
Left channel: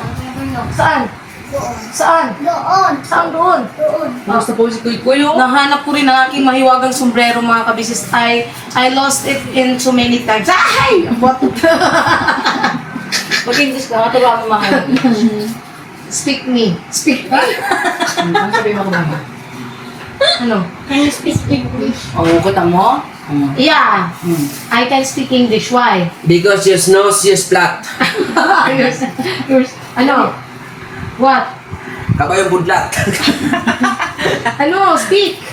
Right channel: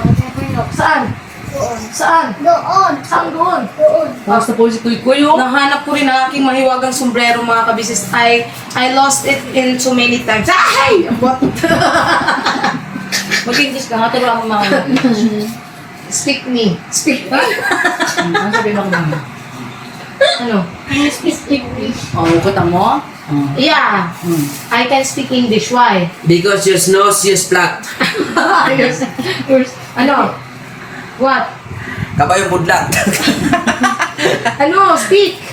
Saan? Doon. Saan? Doon. Saan doon? Doon. Tapos na po si Kuy Kuy, oh. Nahanap ko rin ang aking mahiwagang sombrero, mga kabisis. I lost it in so many times. Ay! What? Mag-English ka, naturuan mo mga Speak me. Speak me. Ano sabihin mo ko ba? Ano? Can you speak English? Oh, kita mo? Yeah. I can speak English. Why? Because yes, nose, yes, flat. Ano? What? Kabayong budlat. Ano? Speak.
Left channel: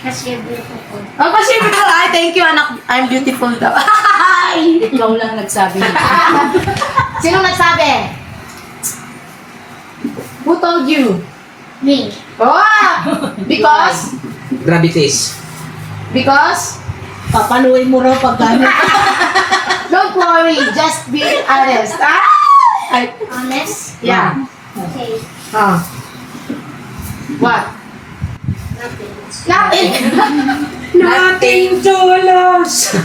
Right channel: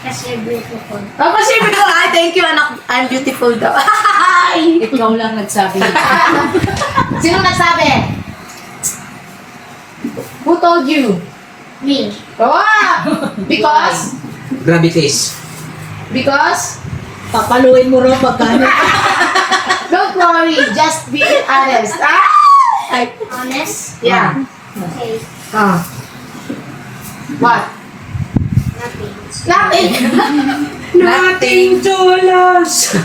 Kasi you're beautiful. Oh, kasi ko, ay, thank you, anak. I'm beautiful daw. Ay! Ikaw lang nagsabi. Sino nagsabi? Who told you? Me. Oh! Because? Gravities. Because? Papaluin mo raw pagkano. Don't worry, just be honest. Ah! Ay, Honest? yeah. Okay. Ah. What? Nothing. Nothing. Nothing to lose.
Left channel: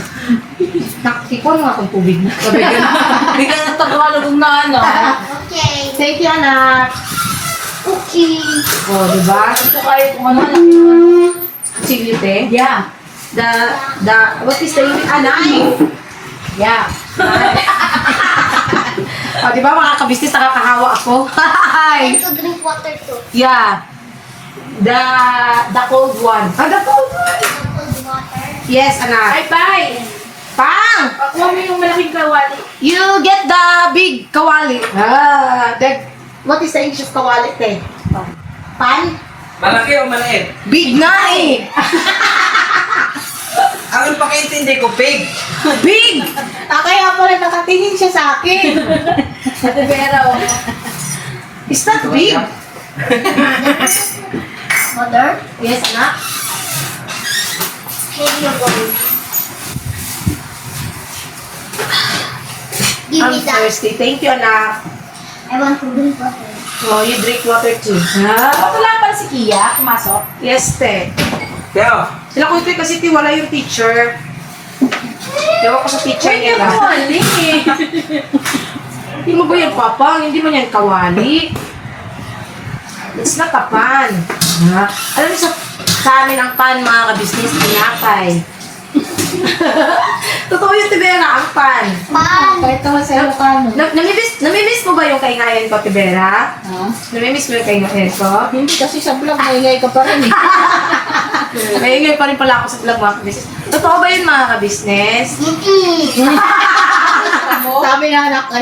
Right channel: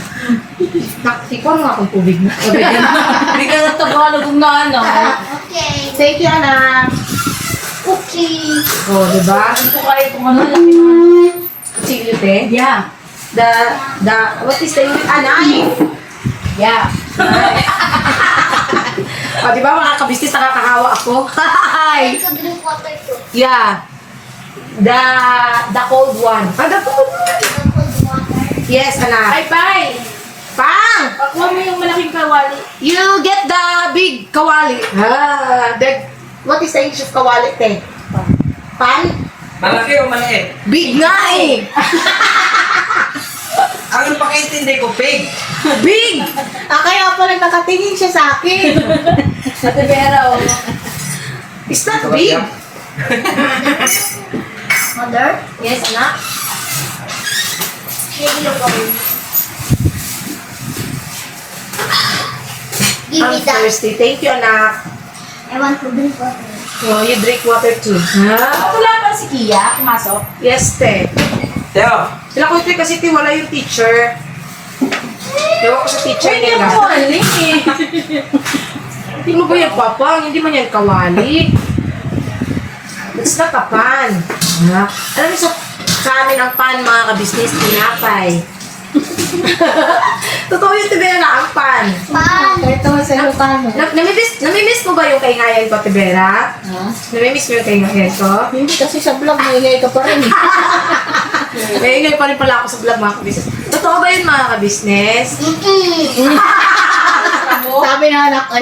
Nakikita mo akong tubig na. Hindi ka nagtagalog na ano. Okay. Thank you, anak. Okay. Oh, diba? Ito kayo kung ano, laki naman. Siglit eh? Yeah. What is the unit? Ah, 9. Yeah. 9. O, diba mga kabistis, nakakahawa ako? Hi! I to drink water too. Yeah. The cold one. Ah, the cold one? Cold water. Yes, anak. Ay, bye! Pang! Ako mo yung malaking kawali. You get the big kawali. What is the English of kawali, te? Pan? Malaki o maliit? Big nga eh! Ang pakaintindi ko, pig. Big! Kaya pala nakatingin siya sa akin. Ate Vera, oh. Is that big? Mother? Yes, anak. Maybe you're going. Give I'm me that. thirsty. Thank you, anak. I want to drink water. Oh, you drink water too. Ha? Wala pa si Kia, pumasok. Yes, te. Teo, Sila ko kasi wala yung teacher. Ewan ko sa teacher Pwede nila. ako kawali eh. Hindi mo ba yan papang? Hindi mo yan kawali. It's not a pan. Ha? Alam mo sa amin ang pan, mga ka-business, tinapay. Totoo yung tibera na ang pan. Pan. Ito nga sa mo. Namimiss mo ba yung kaingayan ko, Tibera? Ha? Namimiss mo yung kaingayan ko? Hindi kasi sa vlog, maingay ka pa rin eh. Kaingay pa rin pala ako sa vlog, mga ka-business. Totoo ba yun, mga ka-business?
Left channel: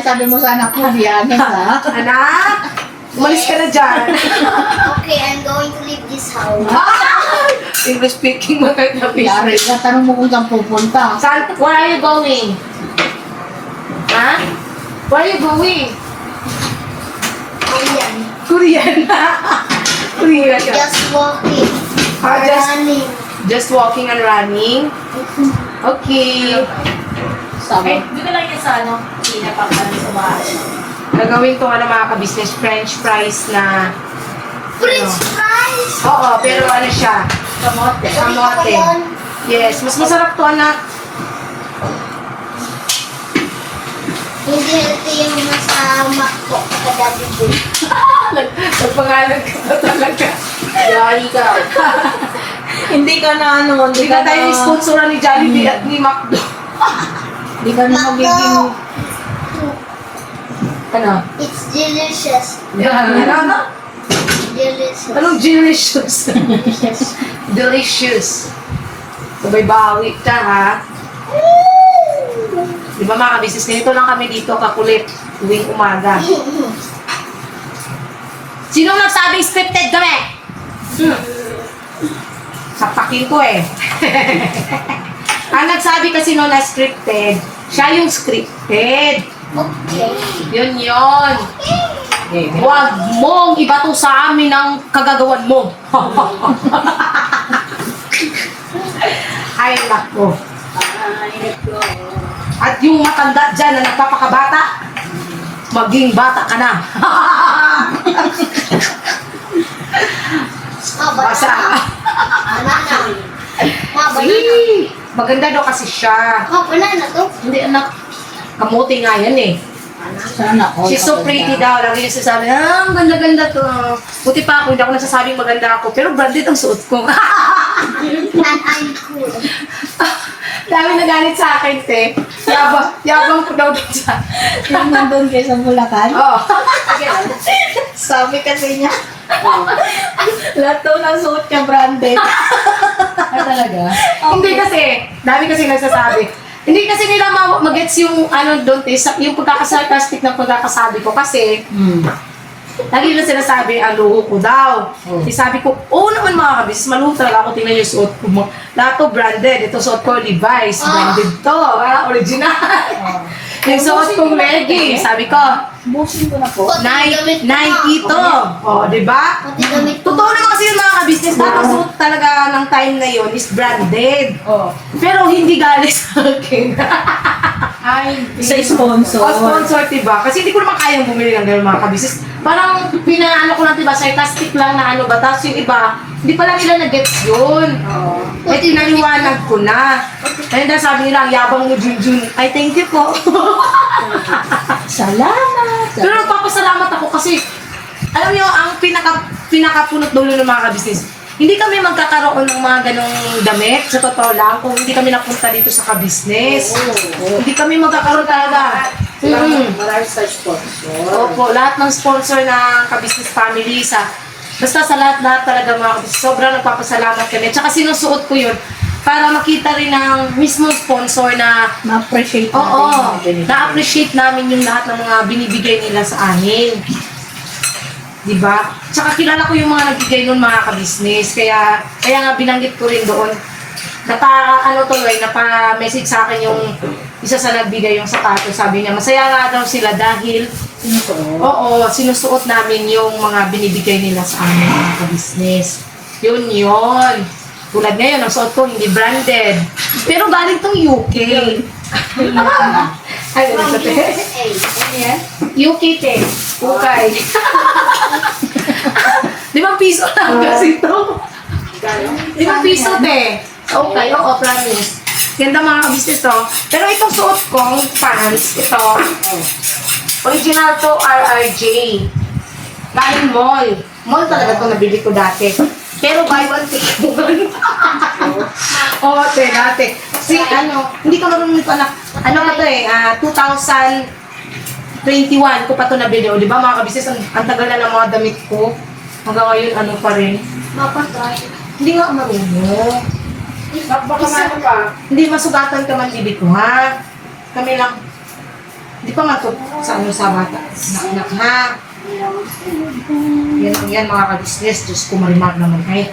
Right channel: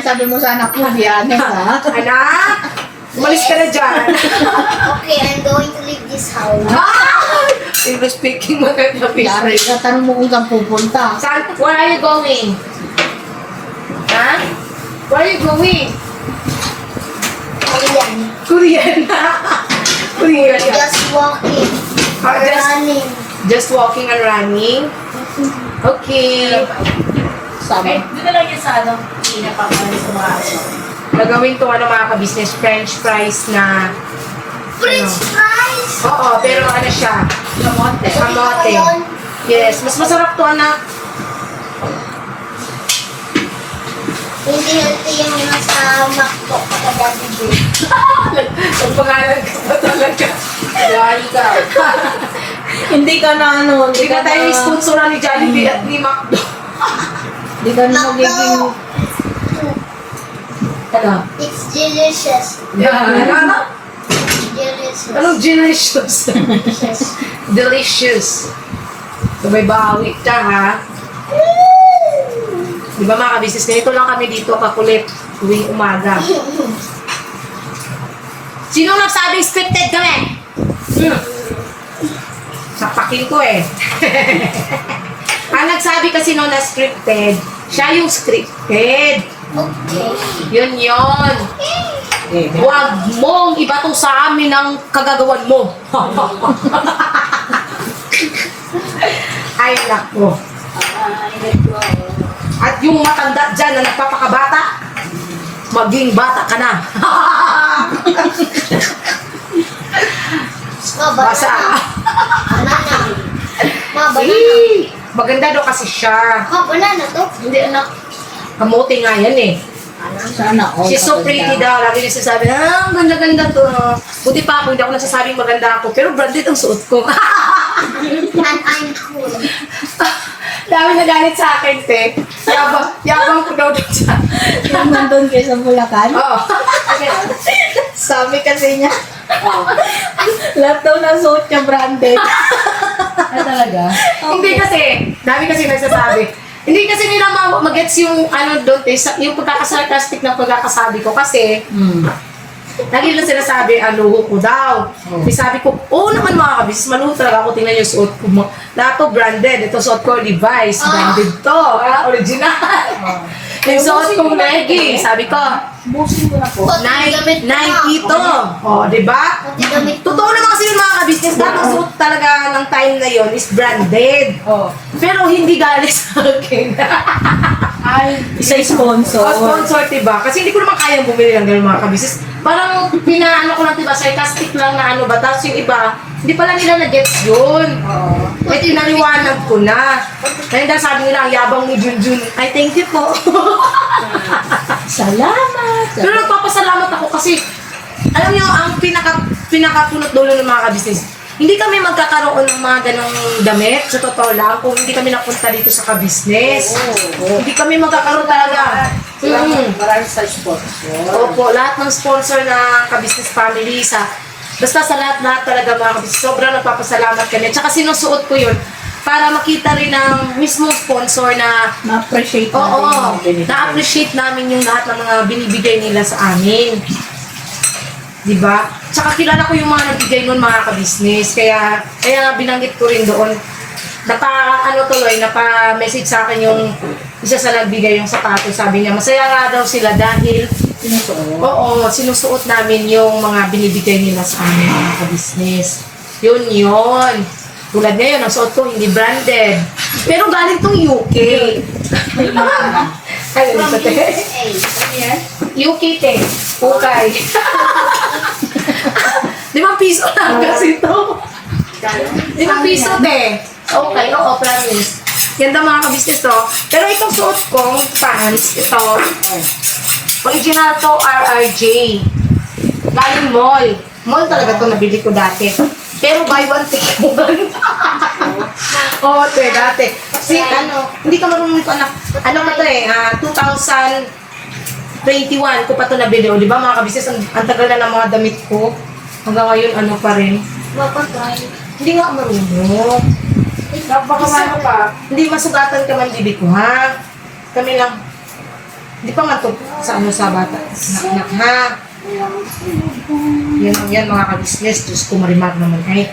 Sabi mo sa anak mo, biyanin ka. Anak, umalis ka na dyan. Okay, I'm going to leave this house. English speaking, mga Yari ka-business. ka, tanong mo kung saan pupunta. Saan? Where are you going? Ha? Where are you going? Ayan. Korean. Korean. Just walking. Ah, Running. just walking and running. Okay. Sabi. Dito lang yan sa ano, pinapakalan sa mga ano. Gagawin tong ano mga ka-business, French fries na French fries. oo, pero ano siya? Kamote. Kamote. Ayun. Yes, mas masarap to, anak. Hindi healthy yung nasa McDo kapag Nagpangalan ka na talaga. Dahil ka. Hindi ka na ano, Hindi ka tayo sponsoran ni Jollibee at ni McDo. Hindi ka na magiging, Ano? It's delicious. Ano? Delicious. Anong delicious? Delicious. Delicious. Sabay bawi ka, ha? Di ba mga ka-business, ganito lang kami dito kakulit tuwing umaga. Sinong nagsabing scripted kami? Sapakin ko eh. Ang nagsabi kasi no na scripted, siya yung scripted. Okay. Yun yun. Huwag mong ibato sa amin ang kagagawan mo. Ay, nako. At yung matanda dyan na nagpapakabata, maging bata ka na. Basa. Banana. Banana. Hey, maganda daw kasi siya. Banana to. Hindi anak, kamote nga yan eh. sana all She's so pretty daw. Lagi niya sasabi, ang ganda-ganda to. Buti pa ako, hindi ako nagsasabing maganda ako. Pero branded ang suot ko. And I'm cool. Dami nagalit sa akin, te. Yabang ko daw doon sa... Yung nandun kayo sa Bulacan, Oh. sabi kasi niya, lahat daw ng suot niya branded. Ay talaga? Hindi kasi, dami kasi nagsasabi. Hindi kasi nila magets yung ano doon, te, yung pagkakasarcastic ng pagkakasabi ko kasi lagi na sinasabi, luho ko daw. Di sabi ko, oo naman mga kabis, maluho talaga ako, tingnan yung suot ko mo. Lahat to branded, ito suot ko Levi's, branded to, original. Yung suot kong leggings, sabi ko, Busin ko na po. Nike to. O, di ba? Pati gamit ko. Totoo naman kasi yung mga ka-business, dapat suot talaga ng time na yon is branded. Oh. Pero hindi galing sa akin. Ay, Isa sponsor. O sponsor, diba? Kasi hindi ko naman kayang bumili ng ganun mga ka-business. Parang pinaano ko lang, diba? Sarcastic lang na ano ba? Tapos yung iba, hindi pala nila na-gets yun. Kaya tinaliwanag ko na. Kaya dahil sabi nila, ang yabang mo, Junjun. Ay, thank you po. Salamat. Pero nagpapasalamat ako kasi, alam niyo, ang pinakapunot dulo ng mga ka-business, hindi kami magkakaroon ng mga ganong damit, sa totoo lang, kung hindi kami napunta dito sa ka-business. Hindi kami magkakaroon talaga. Maraming sa sponsor. Opo, lahat ng sponsor ng ka-business family, basta sa lahat talaga mga ka-business, sobrang nagpapasalamat kami. Tsaka sinusuot ko yun para makita rin ng mismong sponsor na Na-appreciate natin oo, yung mga binibigay. na-appreciate namin yung lahat ng mga binibigay nila sa amin. Diba? Tsaka kilala ko yung mga nagbigay nun mga ka-business. Kaya nga binanggit ko rin doon. Napa-message sa akin yung isa sa nagbigay yung sapatos. Sabi niya, masaya nga daw sila dahil oo, sinusuot namin yung mga binibigay nila sa amin mga ka-business. Yun. Tulad ngayon, ang suot ko hindi branded. Pero galing tong UK. Ay, ano sa te? Yuki te. Ukay. 5 piso lang kasi ito. 5 piso te. Okay, oo, promise. Ganda mga ka-business to. Pero itong suot kong pants, ito, original to RRJ. Galing mall. Mall talaga to nabili ko dati. Pero buy one take one. Oo, te, dati. Kasi hindi ko marunong ito anak. Ano pa to eh, 2021 ko pa to nabili. O, di ba mga kabisnes, ang tagal na ng mga damit ko. Hanggang ngayon, ano pa rin. Hindi nga ako marunong. Baka ano pa. Hindi masugatan ka man bibi ko, ha? Kami lang. Hindi pa nga to sa bata. Anak, ha? Yan mga kabisnes. Diyos ko, marimar naman eh.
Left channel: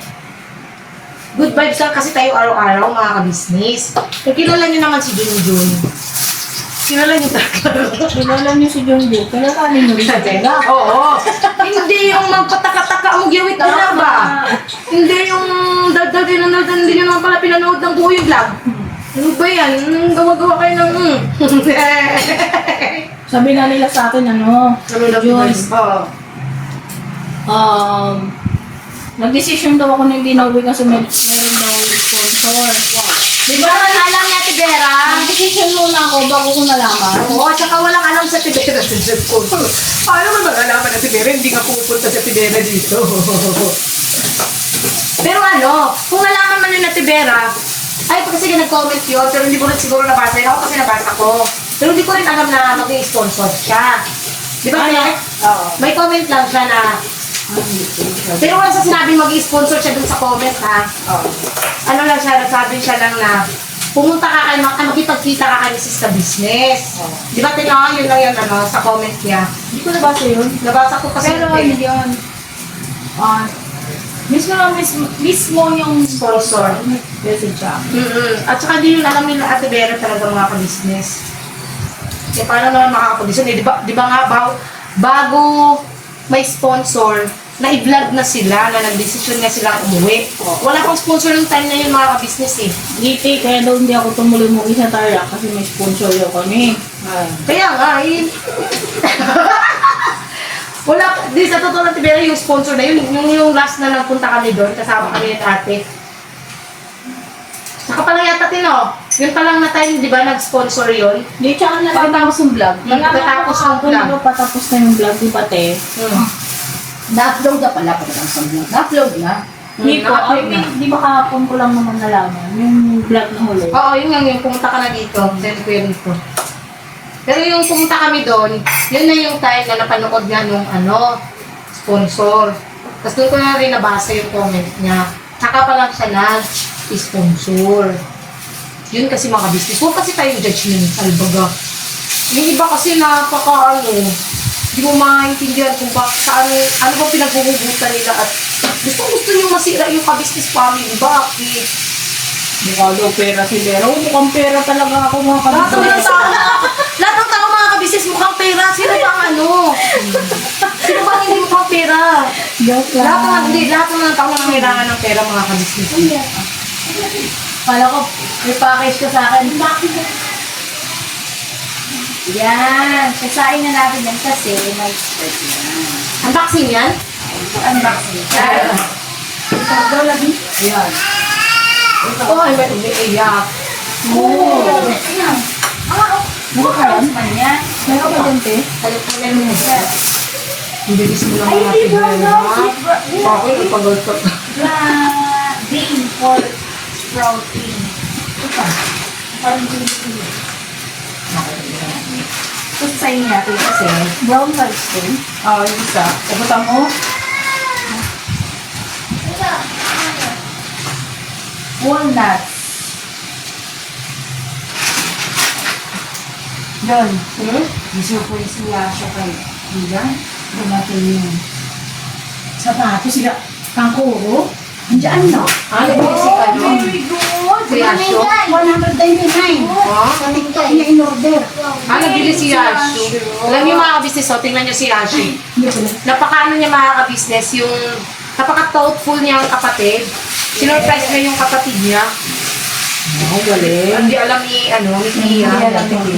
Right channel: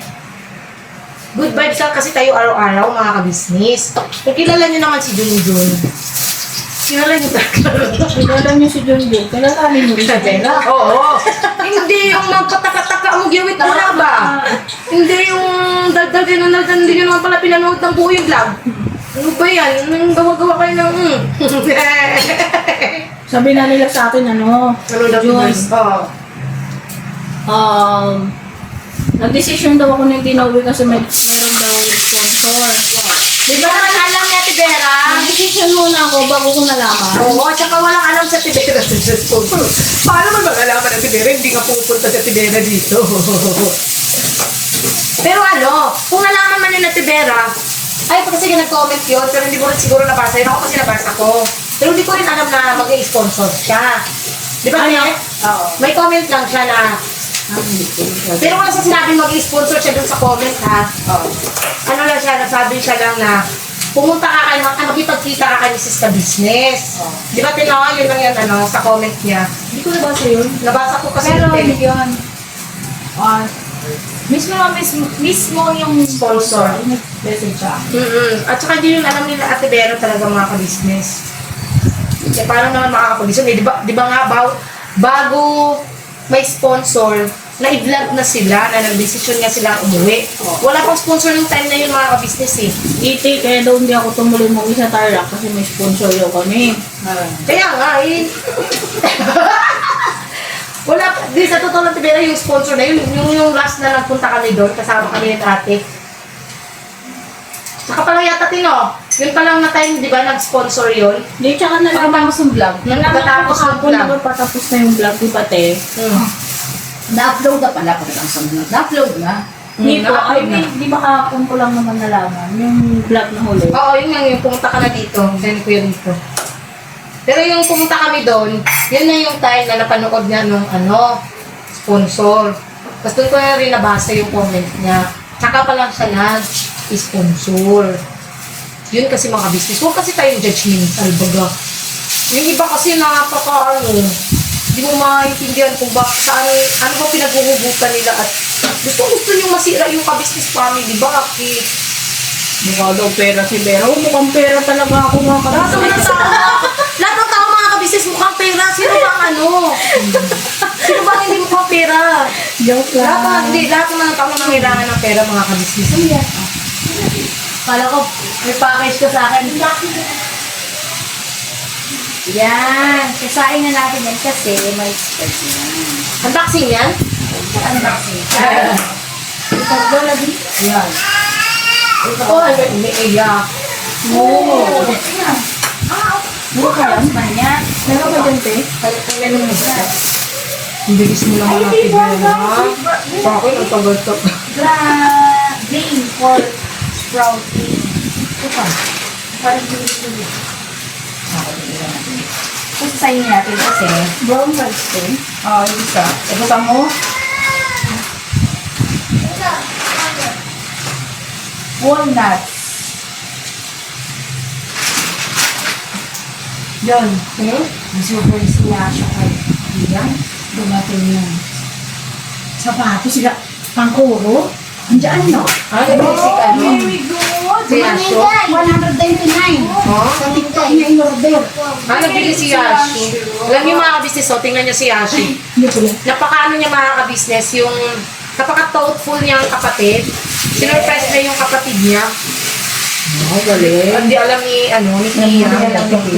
Good vibes lang kasi tayo araw-araw mga kabisnes. Kilala niyo naman si Junjun. Kilala niyo talaga. Kilala niyo si Junjun. Kilalanin mo rin sa pera. Oo. Hindi yung magpataka-taka mo giwit na ba? Hindi yung daldal din na hindi nyo naman pala pinanood ng buo yung vlog. Ano ba yan? Gawa-gawa kayo ng Sabi na nila sa akin, Ano daw Joyce, nag-decision daw ako na hindi nauwi kasi meron daw sponsor. Di ba naman alam ni Ate Vera? Nag-decision muna ako bago ko nalaman. Oo, tsaka walang alam sa Tibera sa sponsor. Paano man mag-alaman na Tibera? Hindi nga pupunta sa Tibera dito. Pero kung nalaman man yun na Tibera, ay, kasi nag-comment yun, pero hindi ko rin siguro nabasa yun. Ako kasi nabasa ko. Pero hindi ko rin alam na mag-i-sponsor siya. Di ba, Ate? Oo. May comment lang siya na, pero wala sa sinabing mag-i-sponsor siya dun sa comment, ha? Ano lang siya, nasabi siya lang na, pumunta ka kayo, magkipagkita ka kayo sa business. Di ba, tinawa, yun lang yan, sa comment niya. Hindi ko nabasa yun. Nabasa ko kasi Pero eh. hindi yun. Mismo yung Sponsor. message siya. At saka hindi yun alam nila Ate Vera talaga mga ka-business. Kasi paano naman makakapag-business? Di ba nga, bago may sponsor, na-i-vlog na sila, na nag-decision nga sila umuwi. Wala pang sponsor ng time na yun mga ka-business eh. Iti, kaya daw hindi ako tumuloy mo sa Tarlac kasi may sponsor daw kami. Kaya nga, wala, di sa totoo lang, Tibera, yung sponsor na yun, yung last na nagpunta kami doon, kasama kami ng ate. Saka pala yata yung talang na time, di ba, nag-sponsor yun? Hindi, tsaka nalaman ko sa vlog. Pagkatapos ng Ako na vlog. ba patapos na yung vlog, di ba te? Na-upload na pala pag sa vlog. Na-upload na. Hindi po, na-upload na. di ba kahapon ko lang naman nalaman, yung vlog na huli. Oo, yun nga, yung pumunta ka na dito, send ko yun dito. Pero yung pumunta kami doon, yun na yung time na napanood niya nung sponsor. Tapos doon ko na rin nabasa yung comment niya. Saka pa lang siya nag-sponsor. Yun kasi mga business. Huwag kasi tayong judgmental, baga. Yung iba kasi hindi mo maintindihan kung ano ba pinaghuhugutan nila at gusto nyo masira yung ka-business family. Bakit? Mukha daw pera si Vera. Mukhang pera talaga ako mga Lahat ng tao mga kabisnes mukhang pera. Sino bang Sino bang hindi mukhang pera? Joke Lahat ng mga tao na kailangan ng pera mga kabisnes. Kala ko, may package ka sa akin. Yan. Kasain na natin yan kasi may spread yan. Unboxing yan? Unboxing. Ito lagi. Yan. Oo, ay may umiiyak. Oo. Mura ka lang sa kanya. Meron ka dyan, te? Ang bilis mo lang natin yun, ha? Bakit? Ang tagal-tagal. Green for protein. Ito pa. Parang green. Ito sa'yo natin kasi Brown rice, te? yung isa. Ito mo. Walnuts. Yun. Nasubulis niya siya kay Ian. Dumating yun. Sapato sila. Pangkuro. Andiyan, no? Very good. Si Yasho. 199. Sa TikTok niya in-order. Nabili si Yashi. Alam niyo mga kabisnes, tingnan niyo si Yashi. Napakaano niya mga kabisnes, yung napaka-thoughtful niya ang kapatid. Sinurprise na yung kapatid niya. Ay, galing. Hindi alam ni, ni Tia.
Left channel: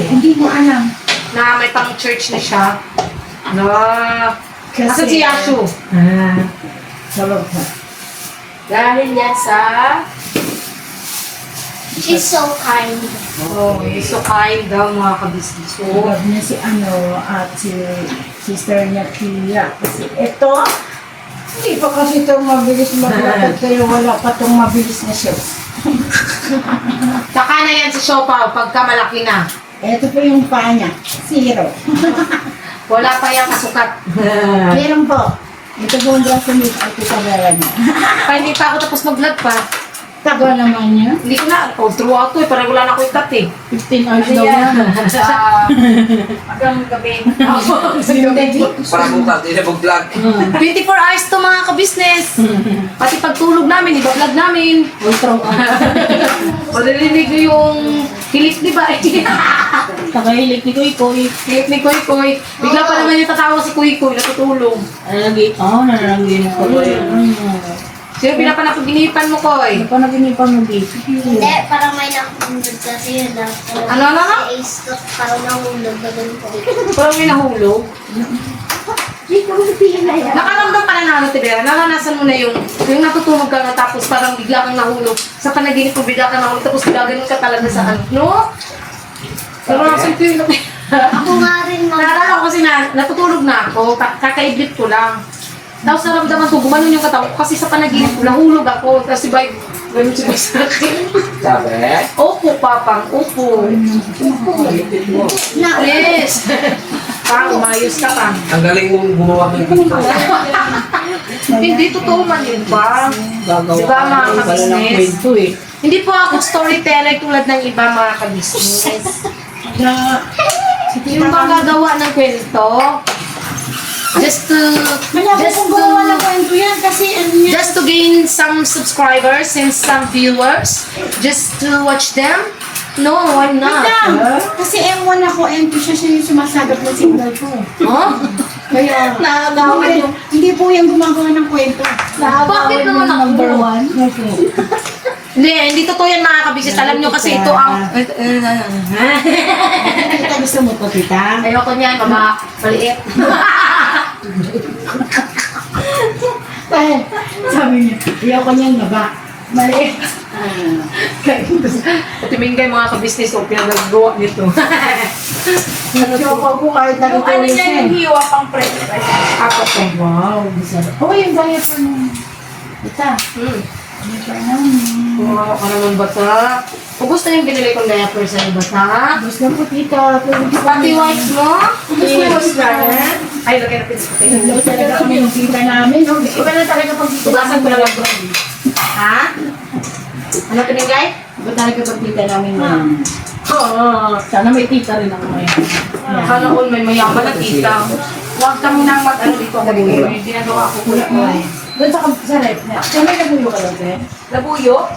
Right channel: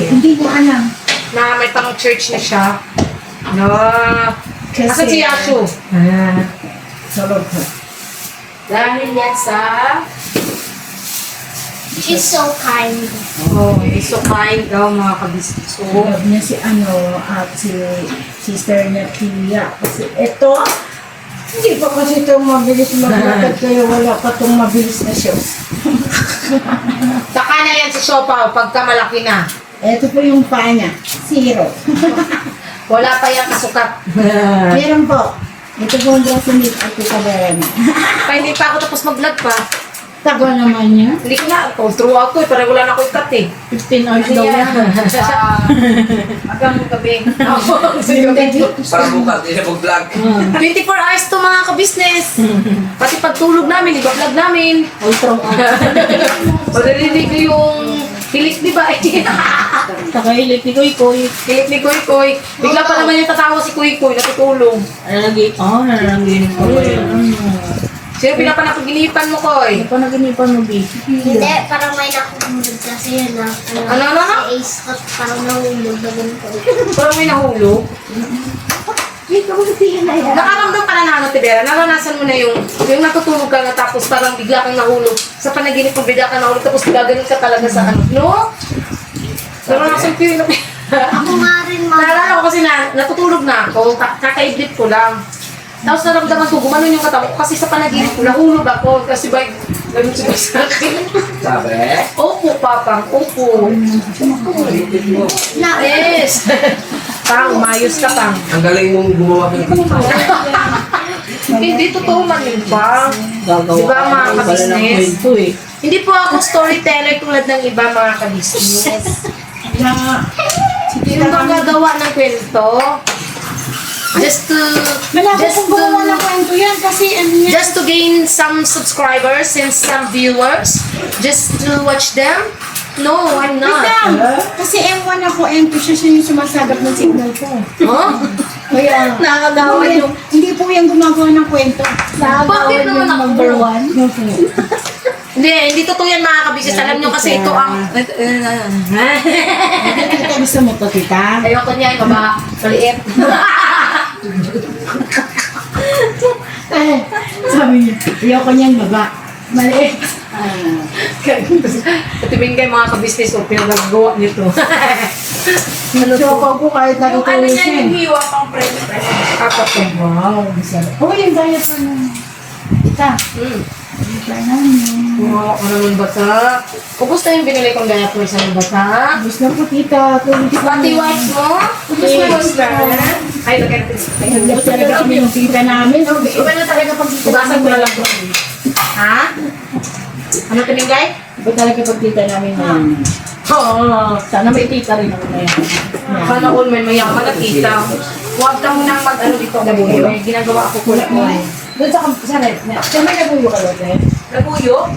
Hindi ko alam. Na may pang church na siya. No. Asan si Yashu? Sarap ha. Dahil yan sa... She's so kind. Oh, he's so kind daw mga kabisnes. So, Love niya si at si sister niya Tia. Kasi ito, hindi pa kasi ito mabilis maglakad kaya wala pa itong mabilis na shows. saka na yan sa siopaw pagka malaki na. Ito po yung paa niya. 0. Wala pa yung kasukat. Meron po. Ito po yung braso niya. Ito kabera niya. Pa hindi pa ako tapos mag-vlog pa. Taga naman niya. Hindi ko na, throughout ko parang wala na ako ikat 15 hours daw yan. Hanggang gabi. Para bukas, hindi na mag-vlog. 24 hours to mga kabisnes. Pati pagtulog namin, iba-vlog namin. O narinig ko yung pilik, di ba? Nakahilik ni Koy Koy. Pilik ni Koy Koy. Bigla pa naman yung tatawa si Koy Koy, natutulog. Narangin ko. Sino pinapanapaginipan mo, Koy? Ano pa naginipan mo, baby? Hindi, parang may nakuhulog kasi yun na. Ano? Si Ace Tot, parang nahulog na ganito. Parang may nahulog. Hindi ka mo natigil na yan. Nakaramdam ka na na, Tibera? Naranasan mo na yung natutulog ka na tapos parang bigla kang nahulog. Sa panaginip mo, bigla kang nahulog tapos gaganon ka talaga sa no? Naranasan ko yun. Ako nga rin, Naalala ko kasi natutulog na ako, kakaidlit ko lang. Tapos naramdaman ko, gumanon yung katawan ko kasi sa panaginip ko, nahulog ako. Kasi may si Boy sa akin. Sabi? Opo, Papang, opo. Yes! Parang umayos ka, Pang. Ang galing mong gumawa ng Hindi totoo man yun, Pang. Di ba mga kabisnes? Hindi po ako storyteller tulad ng iba mga kabisnes. Yung bang gagawa ng kwento, just to gain some subscribers and some viewers, just to watch them. No, I'm not. Kasi M1 ako, M2 siya yung sumasagap ng signal ko. Huh? Kaya, Nakagawa yung... hindi po yung gumagawa ng kwento. Bakit naman ako? number 1. Hindi totoo yan mga kabisnes. Alam nyo kasi ito ang... Tita, gusto mo to, tita? Ayoko niya, maliit. Sabi niya, ayoko niyang baba. Maliit. Katimingay mga kabisnes o pinagagawa nito. Chopa ko kahit Yung ano natutulog niya, siya. yung hiwa pang french fries. Apat ko. Wow, bisara. Oh, yung diaper mo. Tita, diaper namin. Kumawa ka naman bata. Kung gusto yung binigay kong diaper sa ng bata. Gusto ko, tita. Pati wipes mo? Kung gusto mo scan. Ay, lagay natin sa tingin. Iba talaga kami yung tita namin. Iba na talaga pag tugasan mo na lang to. Ha? Ano tinigay? Iba talaga pag tita namin mayaman. Oo. Sana may tita rin ako mayaman. Sana all may mayaman na tita. Huwag kang nang mag-ano dito. Labuyo. Ginagawa ko kulit mo eh. Doon sa rep na. Siya may nabuyo ka doon, eh? Labuyo?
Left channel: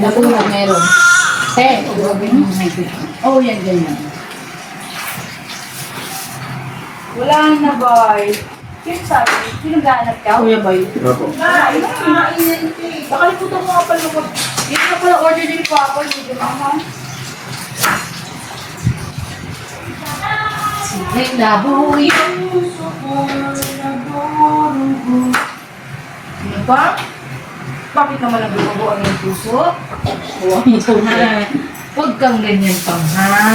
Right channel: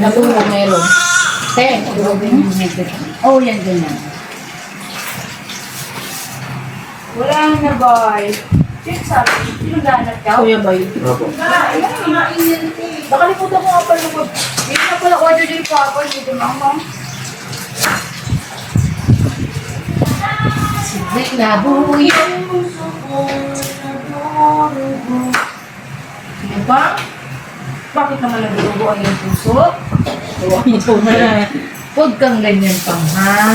Nabuyo meron. Oh, yan, ganyan. Wala na, boy. Sino sabi? Sino ganap ka? Kuya Bay. Opo. Nakalimutan ko nga pala ko. Hindi na pala order din po ako. Hindi din ako. Sinek labuyo. Ano ba? Bakit naman naguguan yung puso? Huwag kang ganyan pang ha.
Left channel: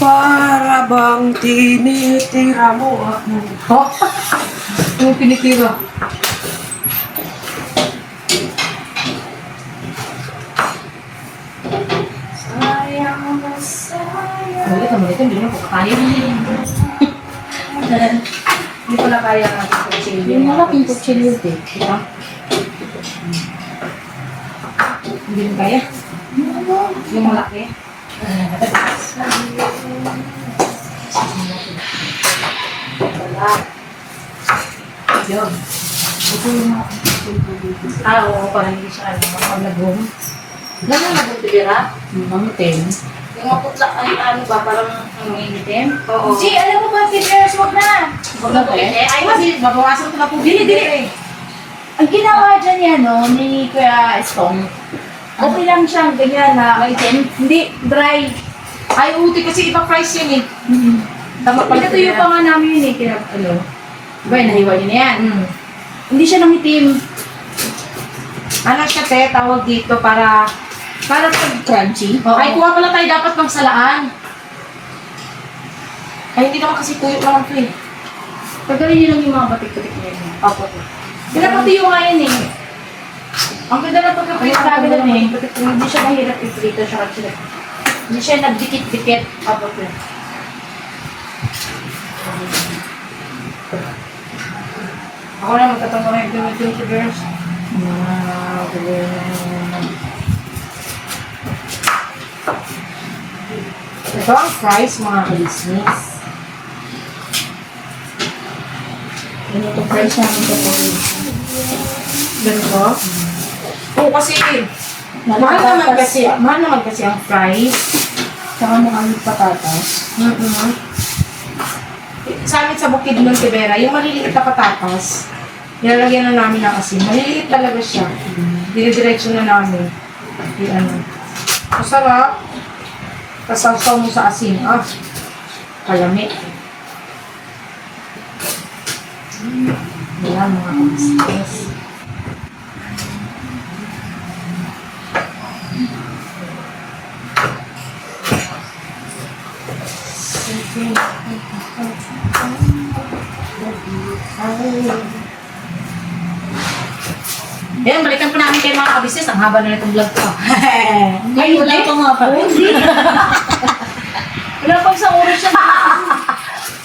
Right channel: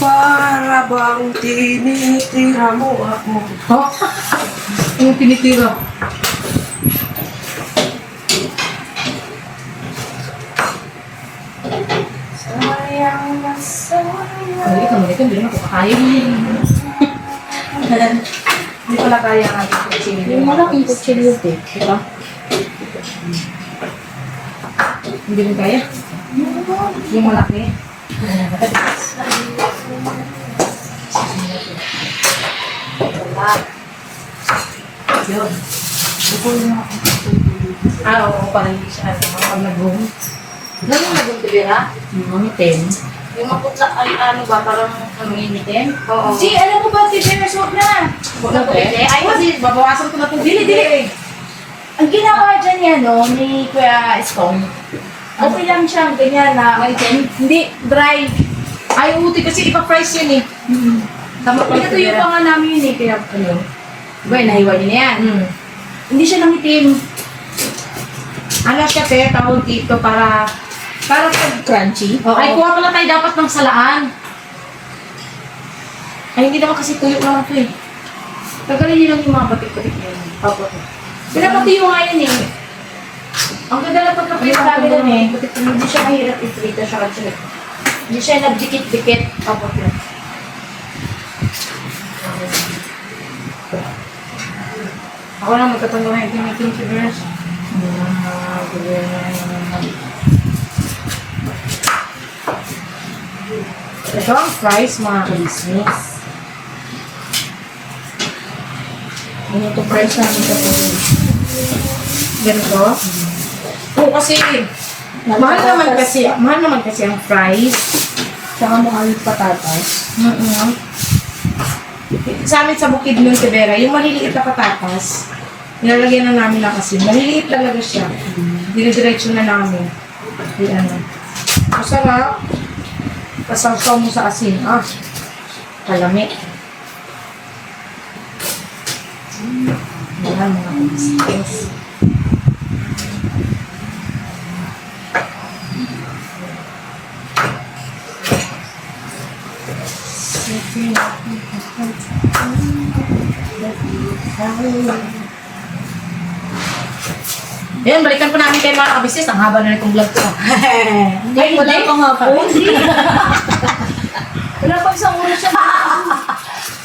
Para bang tinitira mo ako. Ha? Yung tinitira. Sayang na sayang. Ulit naman ito, hindi naman ko kakain. Hindi pala kaya natin kung sino Yung malaking kutsilyo, eh. Diba? Hindi mo kaya? Yung malaki. Yun. Oo, parang hindi siya pag nag-room. Ganyan nag-room tibira? Mga 10. Yung maputla ay ano ba, parang Mangingitim? oo. G, alam mo ba, Tibers, wag na. Huwag na to eh. Ay, kasi babawasan ko na po. Dili. Ang ginawa dyan yan, no, ni Kuya Stone, Okay lang siyang ganyan na hindi dry. Ay, uti kasi ipa-price yun eh. Tama pala. Pinatuyo pa nga namin yun eh. Kaya ano. Ba, nahiwa niyo na yan. Hindi siya nangitim. Ano siya, te, tawag dito para Para pag crunchy. Oo. Ay, kuha pala tayo dapat ng salaan. Ay, hindi naman kasi tuyo lang ito eh. Tagalin niyo lang yung mga batik-batik na yun. Opo. Pinapatuyo nga yan eh. Ang ganda na pagkakita Ay, namin ang lang eh. ganda. Hindi siya mahirap i-prito siya kasi hindi siya nagdikit-dikit. Opo. Ako na magkatanggo na yung si Bears. Ito ang price, mga ka-business. Ano itong price namin ito po? Ganito? Oo, kasi mahal naman kasi ang price. Tsaka mga alit patatas. Sa amin sa bukid ng Tibera, yung maliliit na patatas, nilalagyan na namin ng asin. Maliliit talaga siya. Dire-diretso na namin. Yan. Masarap. Pasawsaw mo sa asin. Kalami. Yan, mga kabisnes. Yan, balikan ko namin kayo mga kabisnes. Ang haba na nitong vlog ko. Ay, wala pa nga pa. Wala pang isang oras siya.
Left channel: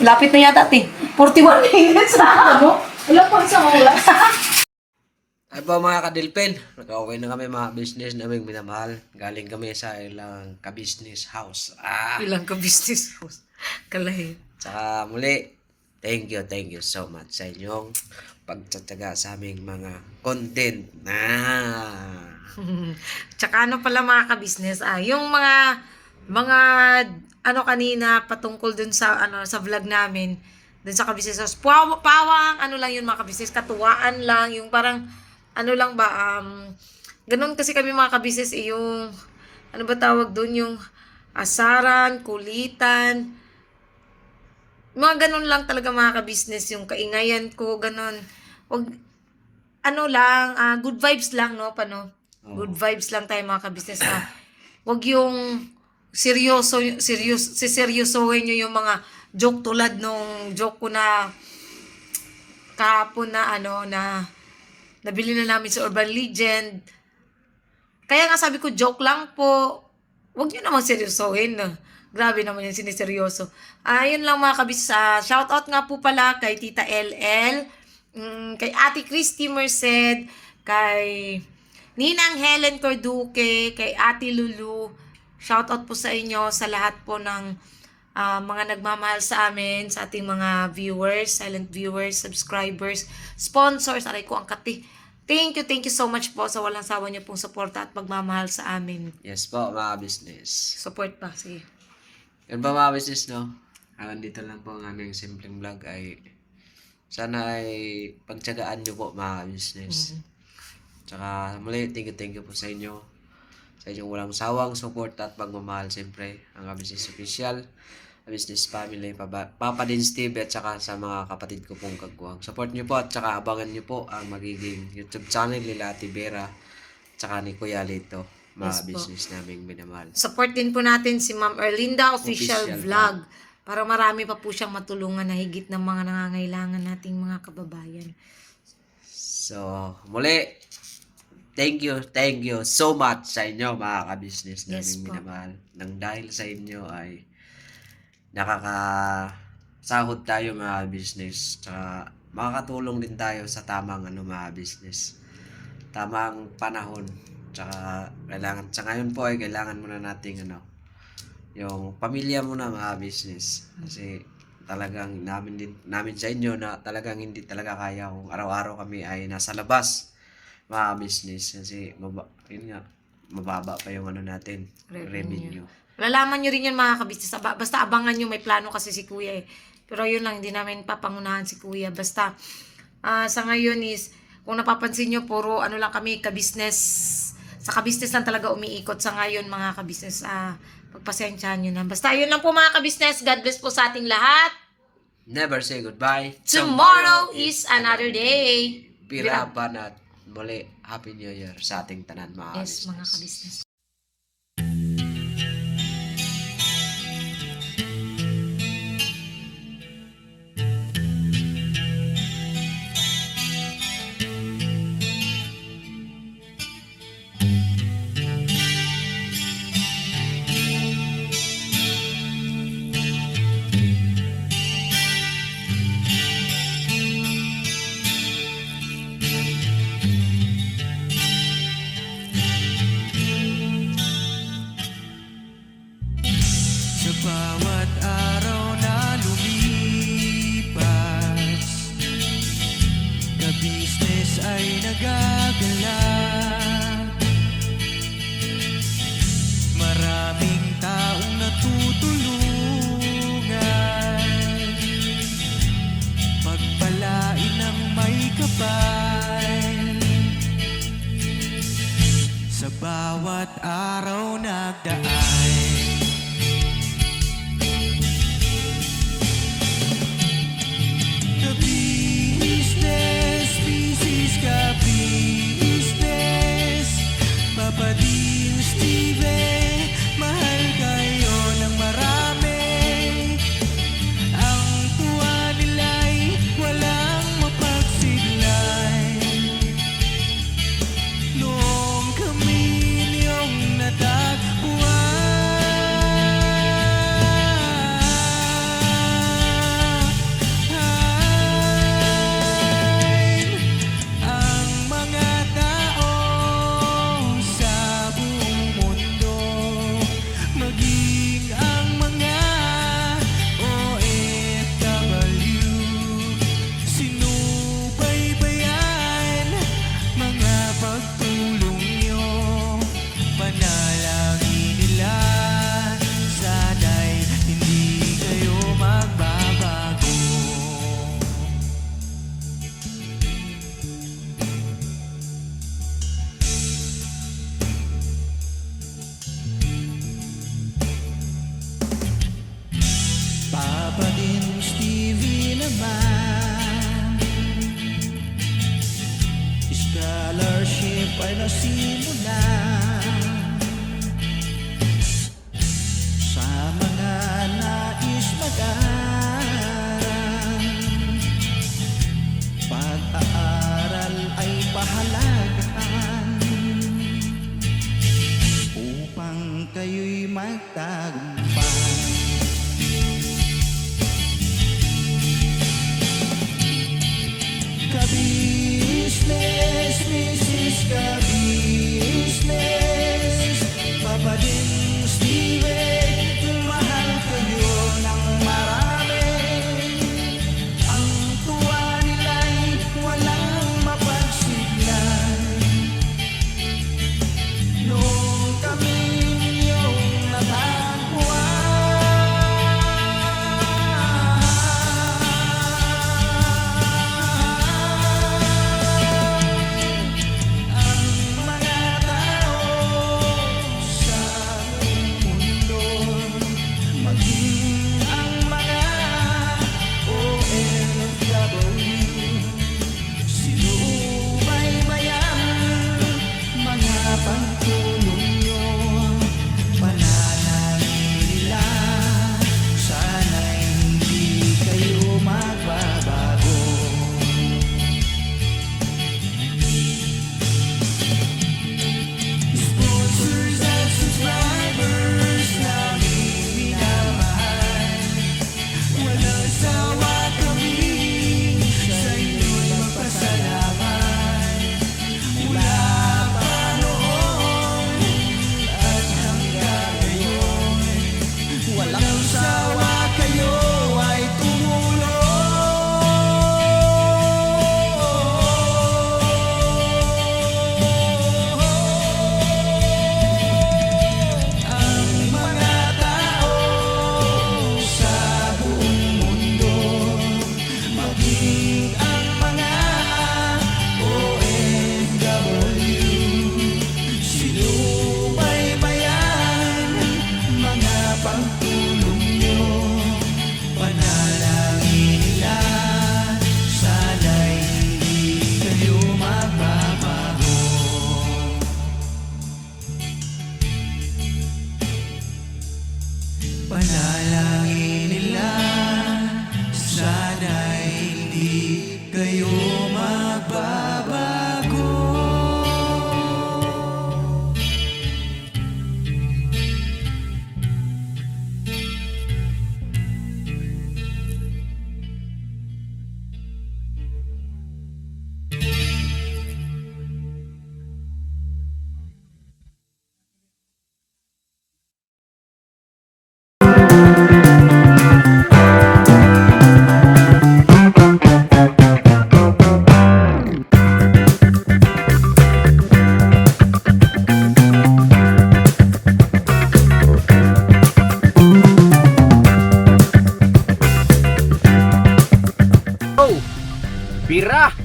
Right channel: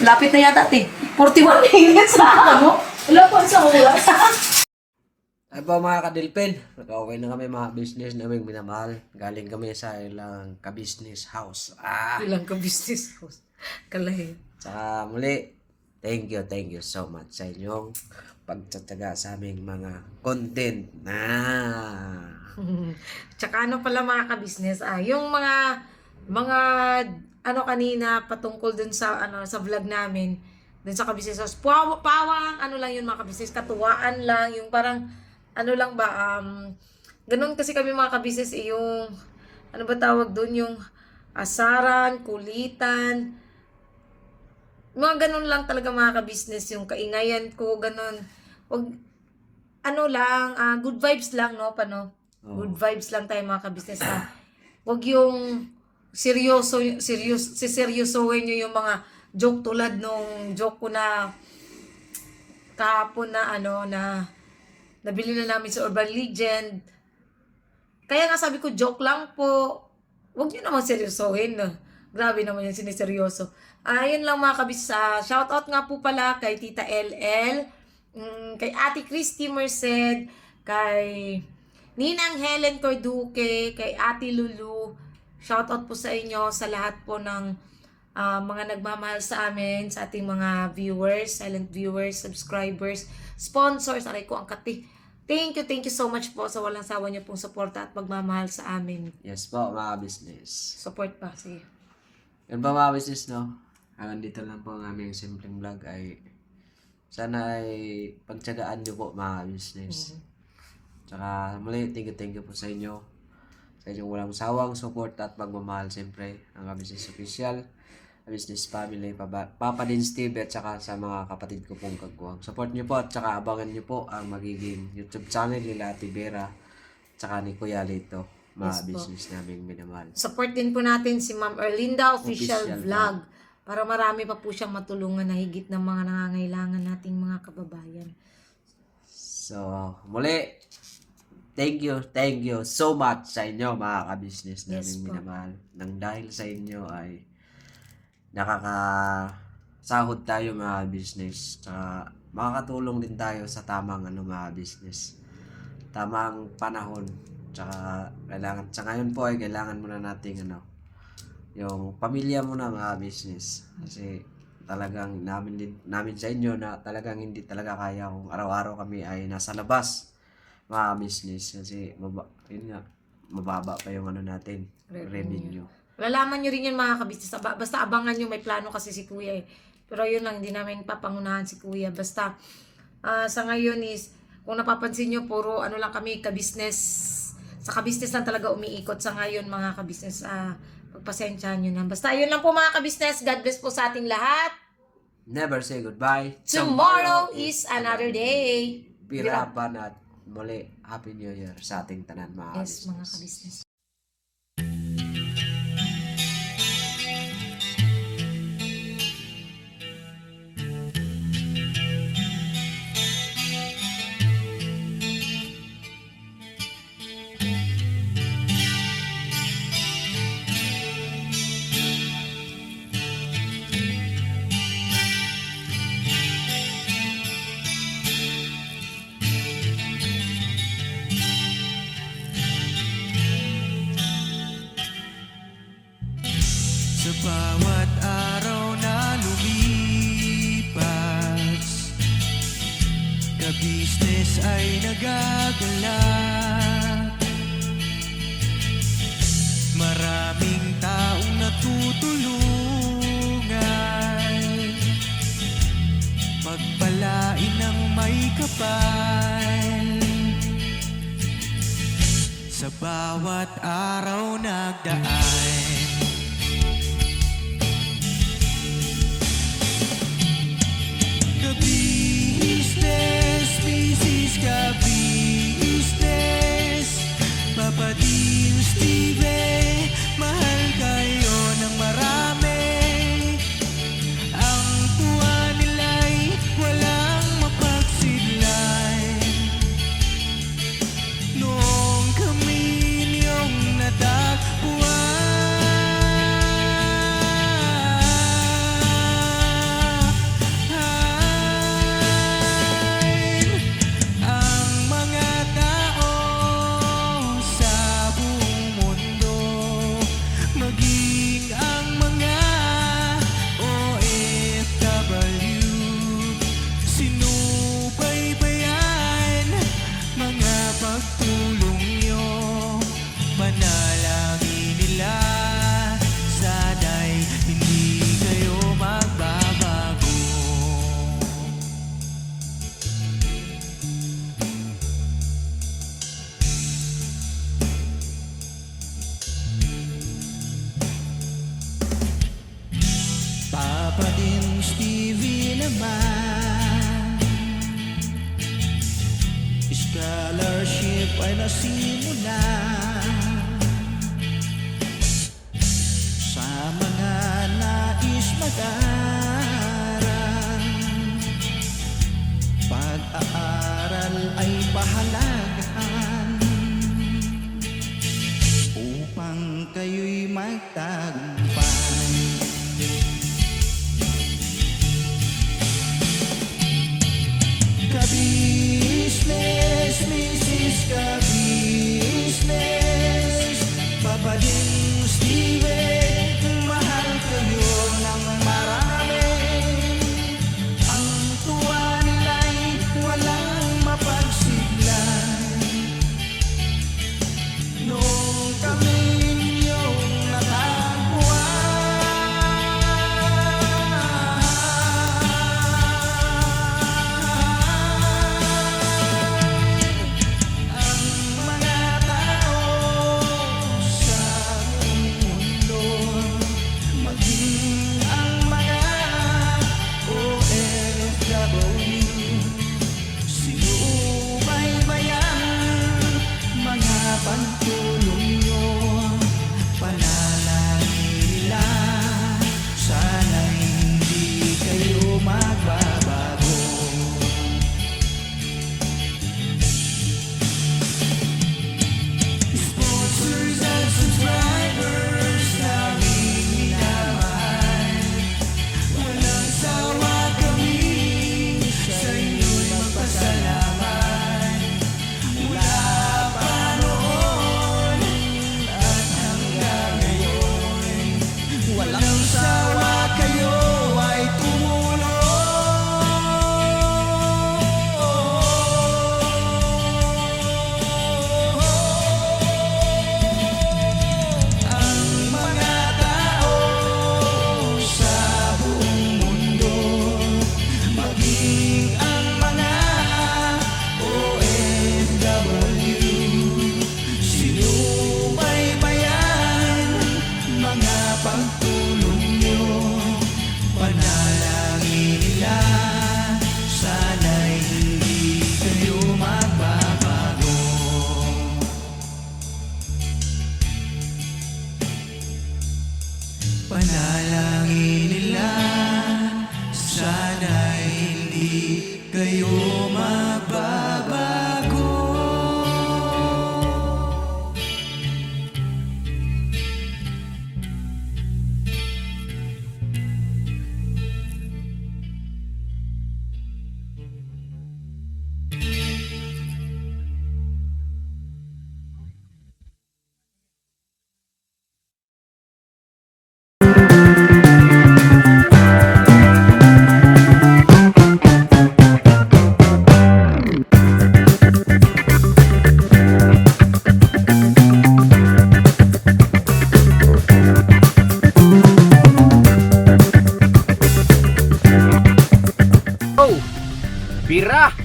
Lapit na yata, 41 minutes na ano? Wala pang isang oras. Ay po mga kadilpin, nag-okay na kami mga business namin minamahal. Galing kami sa ilang ka-business house. Ilang ka-business house. Kalahi. Tsaka muli, thank you so much sa inyong pagtataga sa aming mga content. Tsaka ano pala mga ka-business, yung mga ano kanina patungkol dun sa sa vlog namin, dun sa ka-business house. Pawang ano lang yun mga ka-business, katuwaan lang, yung parang ano lang ba, ganun kasi kami mga ka-business, yung ano ba tawag dun, yung asaran, kulitan, mga ganun lang talaga mga ka-business, yung kaingayan ko, ganun. Wag, ano lang, good vibes lang, no? Paano? Good vibes lang tayo mga ka-business. Wag yung seryosohin nyo yung mga joke tulad nung joke ko na kahapon na nabili na namin sa Urban Legend. Kaya nga sabi ko, joke lang po. Wag nyo naman seryosohin. No? Grabe naman yung siniseryoso. Yun lang mga kabis. Shoutout nga po pala kay Tita LL, kay Ate Christy Merced, kay Ninang Helen Corduque, kay Ate Lulu. Shoutout po sa inyo, sa lahat po ng mga nagmamahal sa amin, sa ating mga viewers, silent viewers, subscribers, sponsors. Aray ko ang kati. Thank you so much po sa walang sawa niyo pong suporta at pagmamahal sa amin. Yes po mga business. Support pa, sige. Yan ba mga business, no? Hanggang dito lang po ang aming simpleng vlog ay sana ay pagtsagaan nyo po mga business. Tsaka muli, thank you po sa inyo. Sa inyong walang sawang support at pagmamahal siyempre ang business official, business family, Papa Din Steve at saka sa mga kapatid ko pong kagwang. Support nyo po at saka abangan nyo po ang magiging YouTube channel nila Ate Vera at saka ni Kuya Lito, mga business naming minamahal. Support din po natin si Ma'am Erlinda Official Official Vlog para marami pa po siyang matulungan na higit ng mga nangangailangan nating mga kababayan. So, muli, thank you so much sa inyo mga ka-business namin minamahal. Nang dahil sa inyo ay nakakasahod tayo mga business. Tsaka makakatulong din tayo sa tamang mga business. Tamang panahon. Tsaka kailangan, sa ngayon po ay kailangan muna nating yung pamilya muna mga business. Kasi talagang namin sa inyo na talagang hindi talaga kaya kung araw-araw kami ay nasa labas mga business. Kasi mababa pa yung natin, revenue. Malalaman nyo rin yun mga kabisnes. Basta abangan nyo, may plano kasi si Kuya eh. Pero yun lang, hindi namin papangunahan si Kuya. Basta sa ngayon is, kung napapansin nyo, puro lang kami kabisnes sa kabisnes lang talaga umiikot sa ngayon mga kabisnes. Pagpasensyahan nyo na. Basta yun lang po mga kabisnes. God bless po sa ating lahat. Never say goodbye. Tomorrow is another day. Piraban at muli, Happy New Year sa ating tanan mga Yes, mga kabisnes. Sa bawat araw na lumipas, ka-business ay nagagalak. Maraming taong natutulungan, pagpalain ng may kapal. Sa bawat araw nagdaan, ka-business, Mrs. Ka-business, Papa Dean, Steve, mahal kayo ng marami. Ang tuwa nila'y walang mapagsidlan. Noong kami niyong natagpuan, maging ang mga OFW, sinubaybayan mga pagtulong nyo, panalangin nila, sana'y hindi kayo magbabago. Papa din Stevie naman, scholarship ay nasimulan sa mga nais mag-aral. Pag-aaral ay pahalagahan upang kayo'y magtagumpay. Ka-business, Mrs. Ka-business, Papa din Steve, mahal kayo ng marami. Ang tuwa nila'y walang mapagsiglan. Noong kami ninyong natagpuan, maging ang mga sana'y hindi kayo magbabago. Pira!